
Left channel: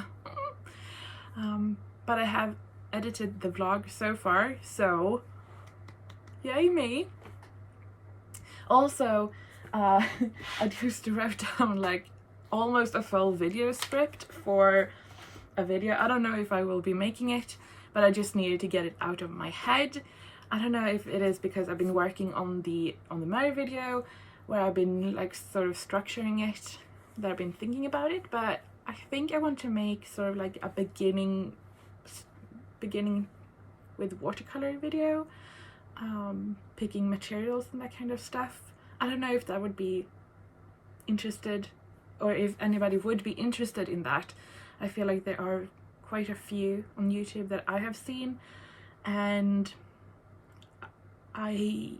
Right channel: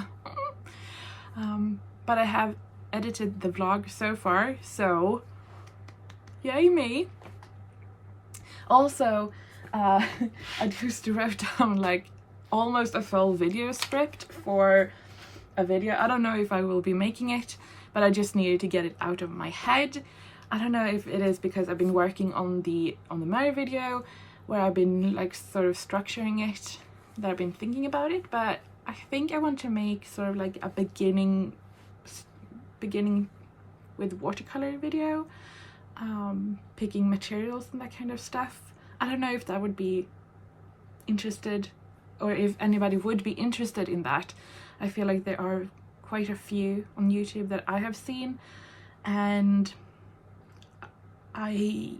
but I have edited the vlog so far, so yay me. Also, I just wrote down like almost a full video script for a video. I don't know if I will be making it, but I just needed to get it out of my head. I don't know if it is because I've been working on the Mary video where I've been like sort of structuring it, that I've been thinking about it, but I think I want to make sort of like a beginning with watercolor video, picking materials and that kind of stuff. I don't know if that would be interested, or if anybody would be interested in that. I feel like there are quite a few on YouTube that I have seen, and I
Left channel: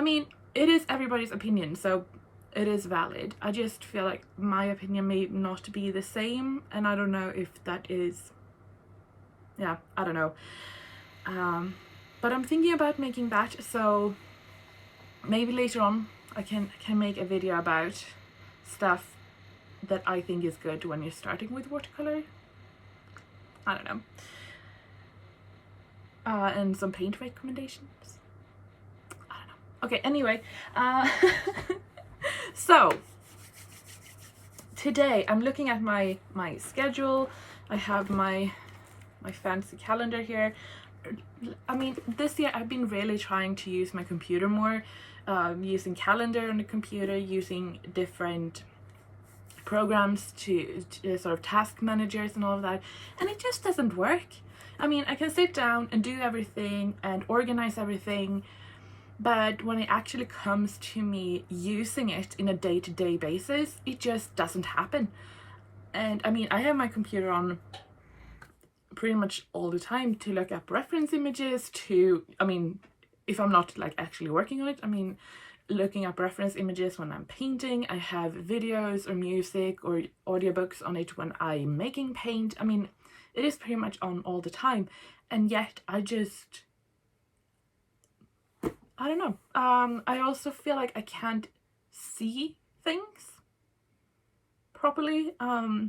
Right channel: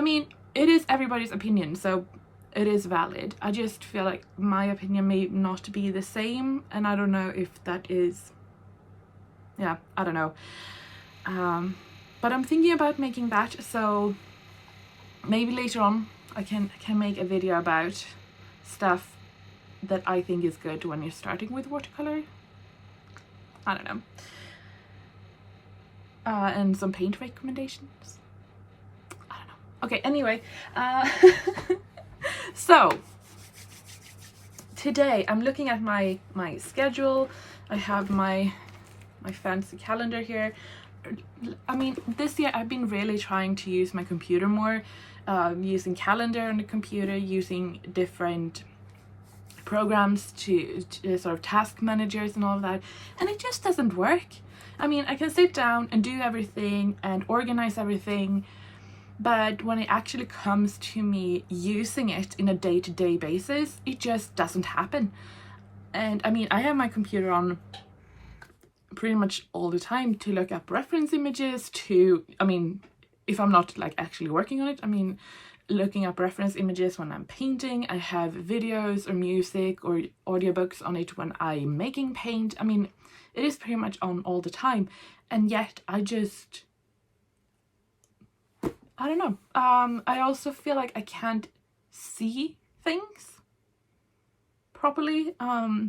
mean, it is everybody's opinion, so it is valid. I just feel like my opinion may not be the same, and I don't know if that is, yeah, I don't know. But I'm thinking about making that, so maybe later on I can make a video about stuff that I think is good when you're starting with watercolor. I don't know. And some paint recommendations. I don't know. Okay, anyway, so today I'm looking at my schedule. I have my fancy calendar here. I mean, this year I've been really trying to use my computer more, using Kalender on the computer, using different programs to sort of task managers and all of that, and it just doesn't work. I mean, I can sit down and do everything and organize everything, but when it actually comes to me using it in a day-to-day basis, it just doesn't happen. And I mean, I have my computer on pretty much all the time to look up reference images, to, I mean, if I'm not like actually working on it, I mean, looking up reference images when I'm painting. I have videos or music or audiobooks on it when I'm making paint. I mean, it is pretty much on all the time, and yet I don't know. I also feel like I can't see things properly. I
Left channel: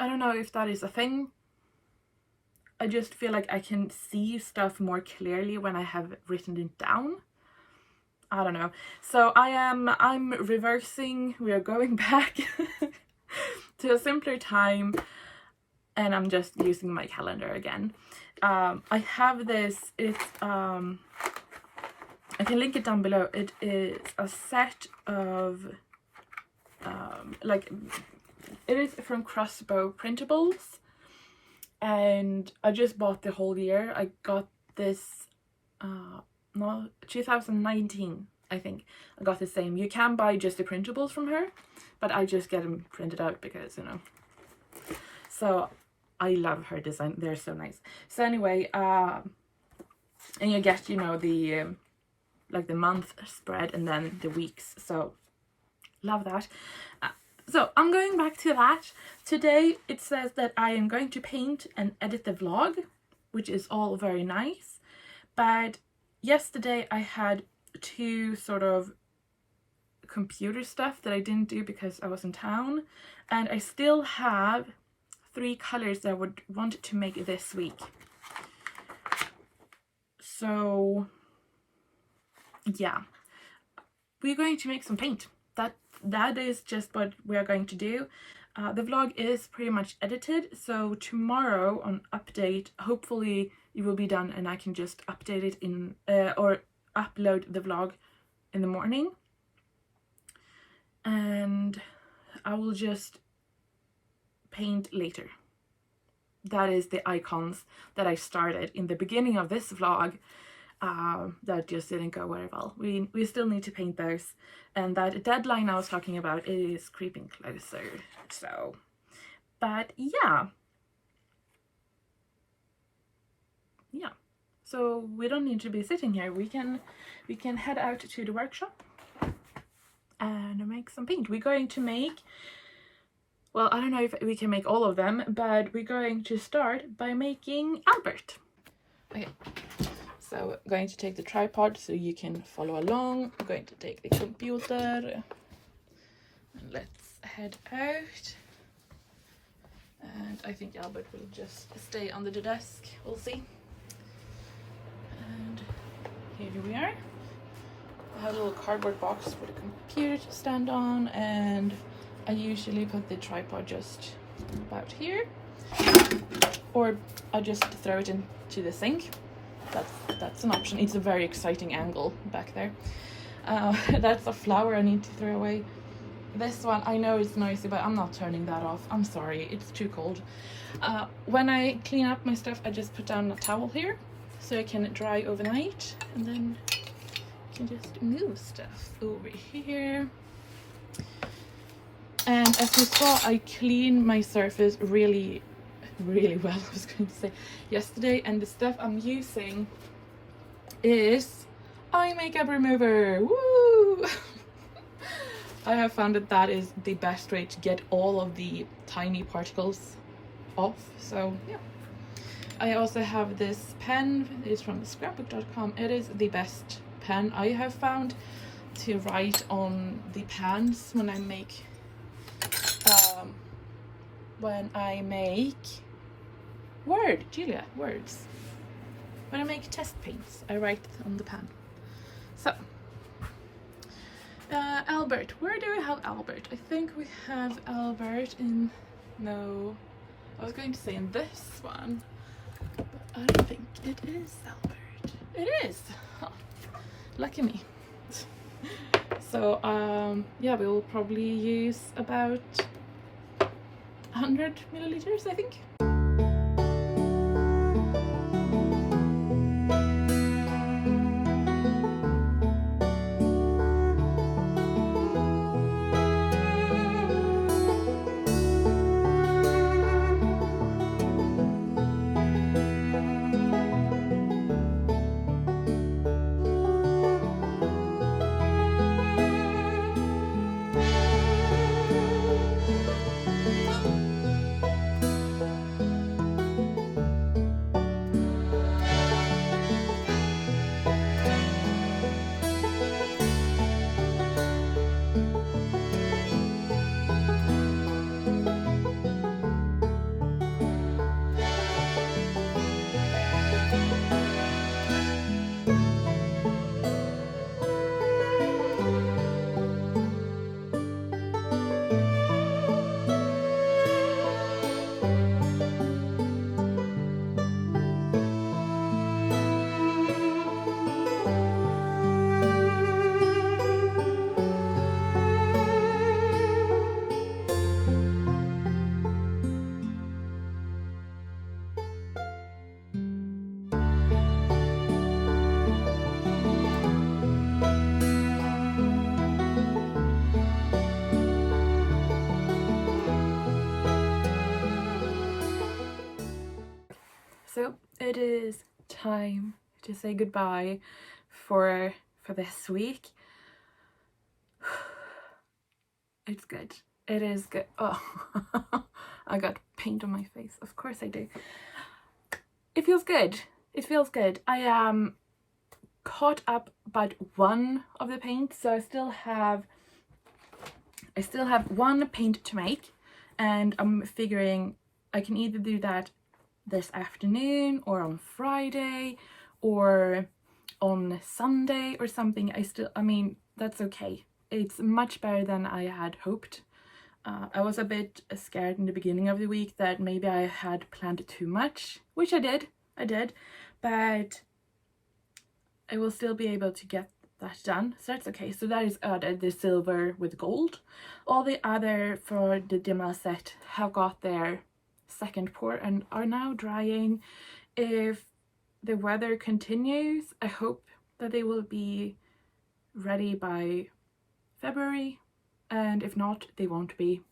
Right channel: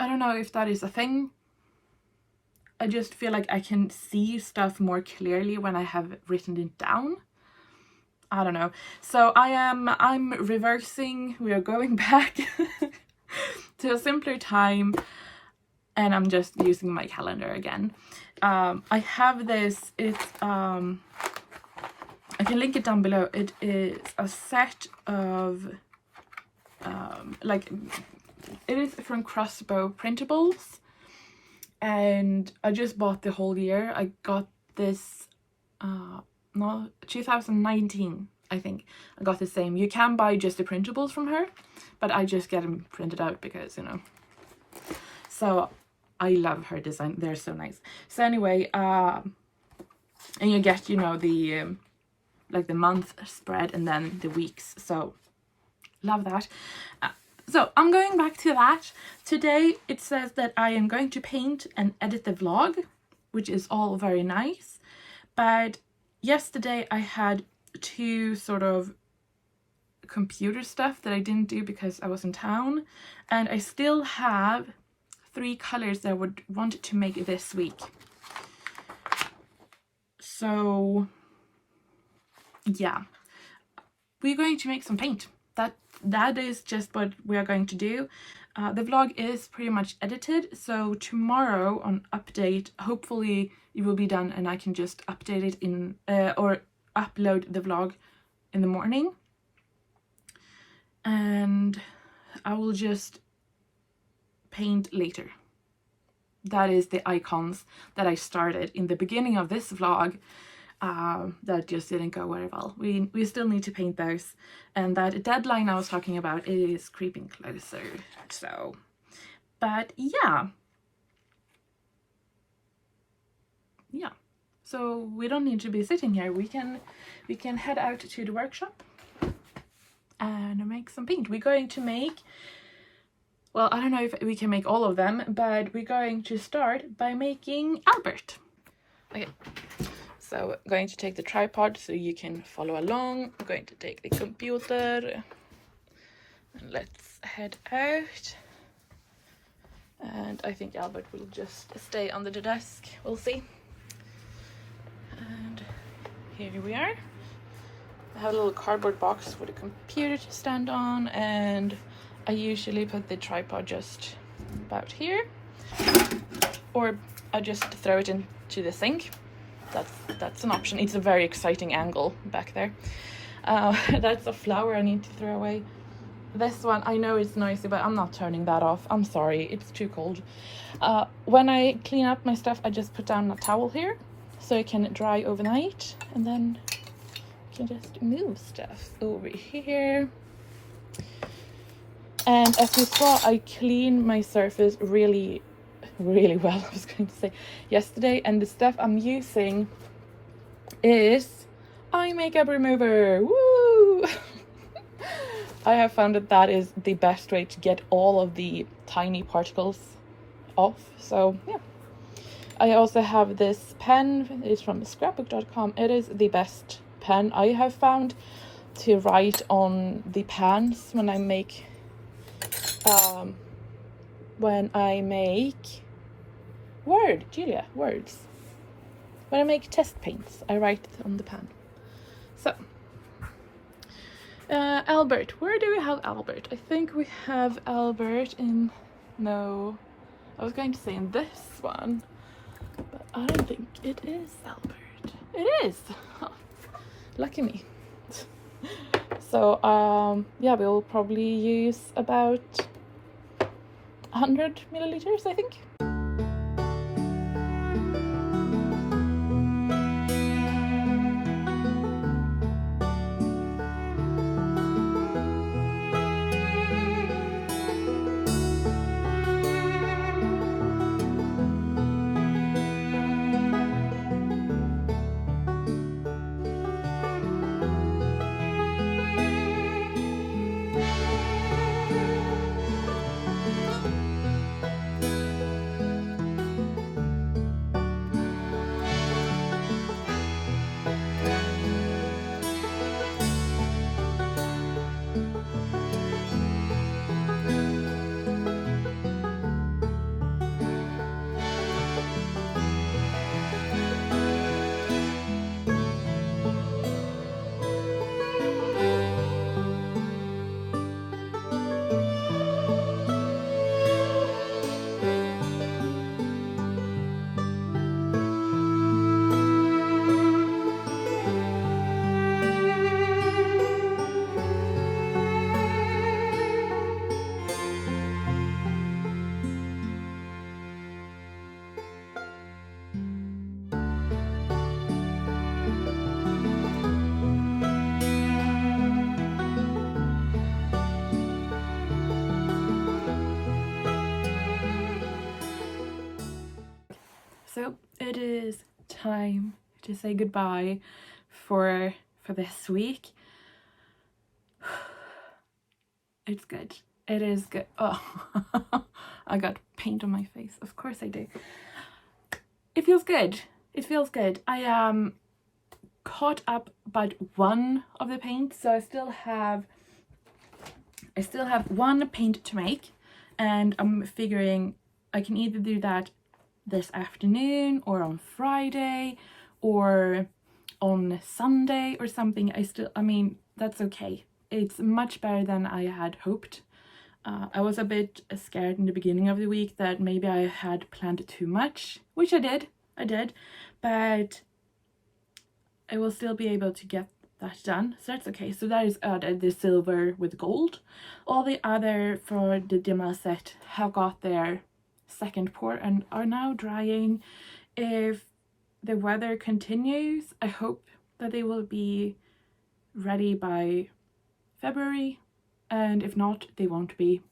don't know if that is a thing. I just feel like I can see stuff more clearly when I have written it down. I don't know. So I'm reversing. We are going back to a simpler time, and I'm just using my calendar again. I have this, it's I can link it down below. It is a set of like, it is from Crossbow Printables, and I just bought the whole year. I got this no, 2019, I think. I got the same. You can buy just the printables from her, but I just get them printed out because, you know. So I love her design. They're so nice. So anyway, and you get, you know, the like the month spread and then the weeks. So love that. So I'm going back to that. Today it says that I am going to paint and edit the vlog, which is all very nice. But yesterday I had two sort of computer stuff that I didn't do because I was in town, and I still have 3 colors that I would want to make this week. So yeah, we're going to make some paint. That is just what we are going to do. The vlog is pretty much edited, so tomorrow on update, hopefully it will be done and I can just update it in or upload the vlog in the morning, and I will just paint later. That is the icons that I started in the beginning of this vlog that just didn't go very well. We still need to paint those, and that deadline I was talking about is creeping closer. So, but yeah, so we don't need to be sitting here. We can head out to the workshop and make some paint. We're going to make, well, I don't know if we can make all of them, but we're going to start by making Albert. Okay, so I'm going to take the tripod so you can follow along. I'm going to take the computer and let's head out. And I think Albert will just stay under the desk. We'll see. And here we are. I have a little cardboard box for the computer to stand on, and I usually put the tripod just about here, or I just throw it into the sink. That's an option. It's a very exciting angle back there. That's a flower I need to throw away. This one, I know it's noisy, but I'm not turning that off. I'm sorry, it's too cold. When I clean up my stuff, I just put down a towel here so it can dry overnight, and then you can just move stuff over here. And as you saw, I cleaned my surface really well, I was going to say, yesterday, and the stuff I'm using is eye makeup remover. Woo! I have found that is the best way to get all of the tiny particles off. So yeah, I also have this pen. It's from scrapbook.com. It is the best pen I have found to write on the pans when I make words. When I make test paints, I write on the pan. So, Albert, where do we have Albert? I think we have Albert in, no, I was going to say in this one, but I don't think it is Albert. It is. Huh. Lucky me. So yeah, we'll probably use about 100 milliliters, I think. So it is time to say goodbye for this week. It's good. It is good. Oh, I got paint on my face. Of course I do. It feels good. It feels good. I am caught up about one of the paint, so I still have one paint to make, and I'm figuring I can either do that this afternoon or on Friday or on Sunday or something. I mean, that's okay. It's much better than I had hoped. I was a bit scared in the beginning of the week that maybe I had planned too much, which I did, but I will still be able to get that done, so that's okay. So that is the silver with gold. All the other for the Dima set have got their second pour and are now drying. If the weather continues, I hope that they will be ready by February, and if not, they won't be.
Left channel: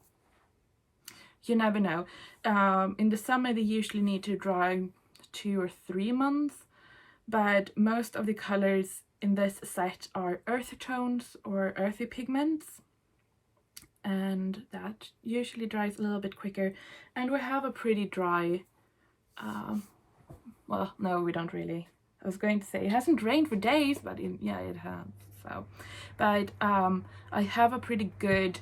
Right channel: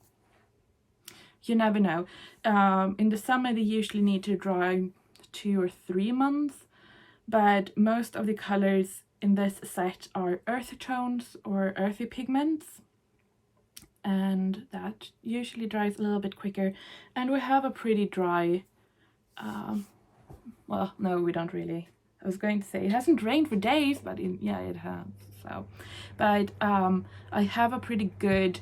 You never know. In the summer they usually need to dry 2 or 3 months, but most of the colors in this set are earth tones or earthy pigments, and that usually dries a little bit quicker, and we have a pretty dry well, no, we don't really. I was going to say it hasn't rained for days, but yeah, it has. So, but I have a pretty good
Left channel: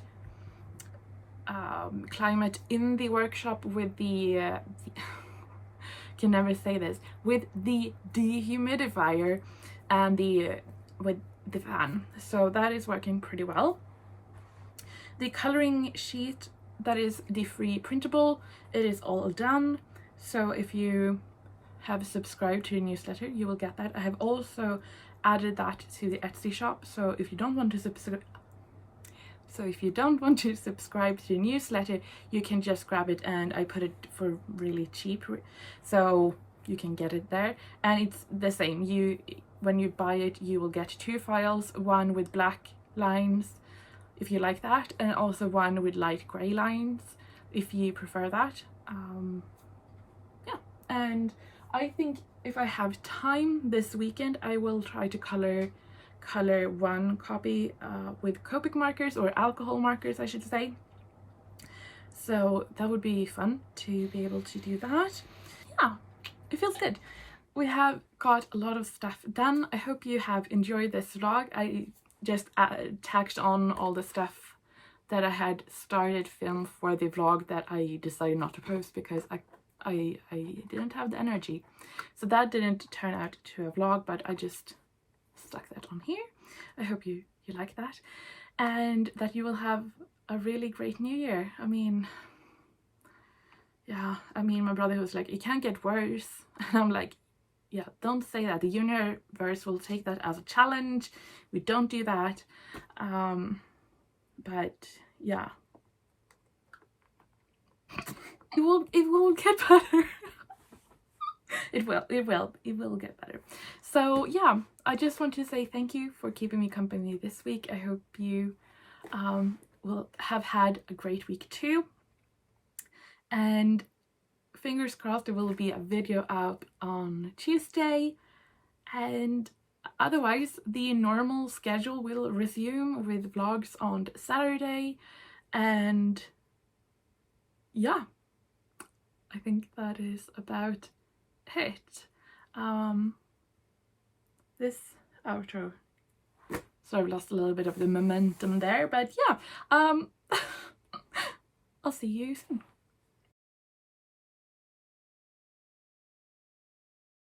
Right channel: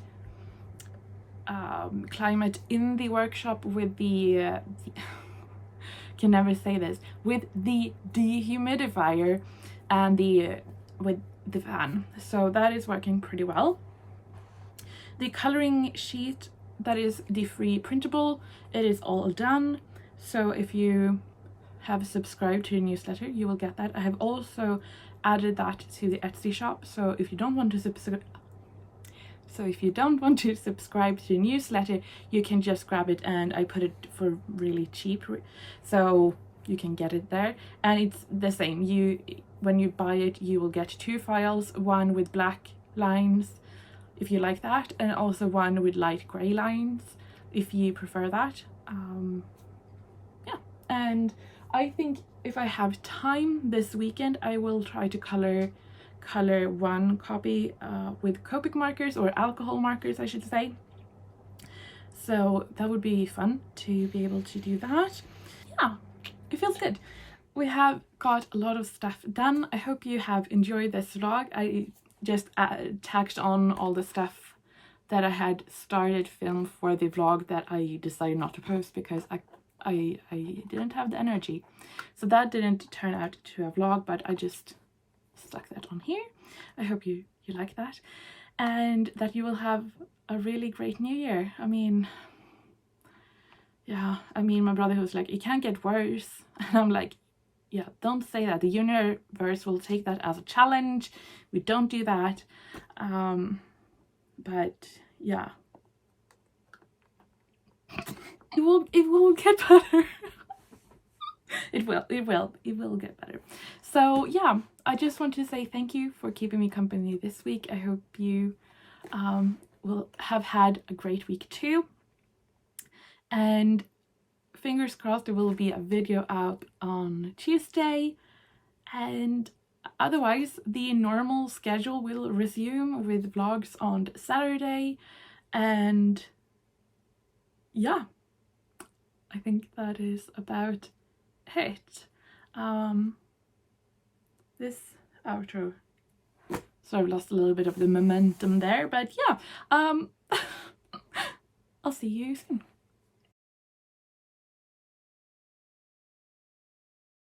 climate in the workshop with the can never say this, with the dehumidifier and with the fan, so that is working pretty well. The coloring sheet, that is the free printable, it is all done. So if you have subscribed to the newsletter, you will get that. I have also added that to the Etsy shop, so if you don't want to subscribe to the newsletter, you can just grab it, and I put it for really cheap, so you can get it there. And it's the same, when you buy it, you will get 2 files, one with black lines if you like that, and also one with light grey lines if you prefer that. Yeah, and I think if I have time this weekend, I will try to color one copy with Copic markers, or alcohol markers I should say. So that would be fun to be able to do that. Yeah, it feels good. We have got a lot of stuff done. I hope you have enjoyed this vlog. I just tacked on all the stuff that I had started film for the vlog that I decided not to post because I didn't have the energy. So that didn't turn out to a vlog, but I just stuck that on here. I hope you like that, and that you will have a really great new year. I mean, yeah, I mean, my brother was like, it can't get worse. And I'm like, yeah, don't say that. The universe will take that as a challenge. We don't do that. But yeah, it will get better. It will get better. So yeah, I just want to say thank you for keeping me company this week. I hope you will have had a great week too. And fingers crossed there will be a video out on Tuesday. And otherwise, the normal schedule will resume with vlogs on Saturday. And yeah, I think that is about it. This outro sort of lost a little bit of the momentum there, but yeah, I'll see you soon.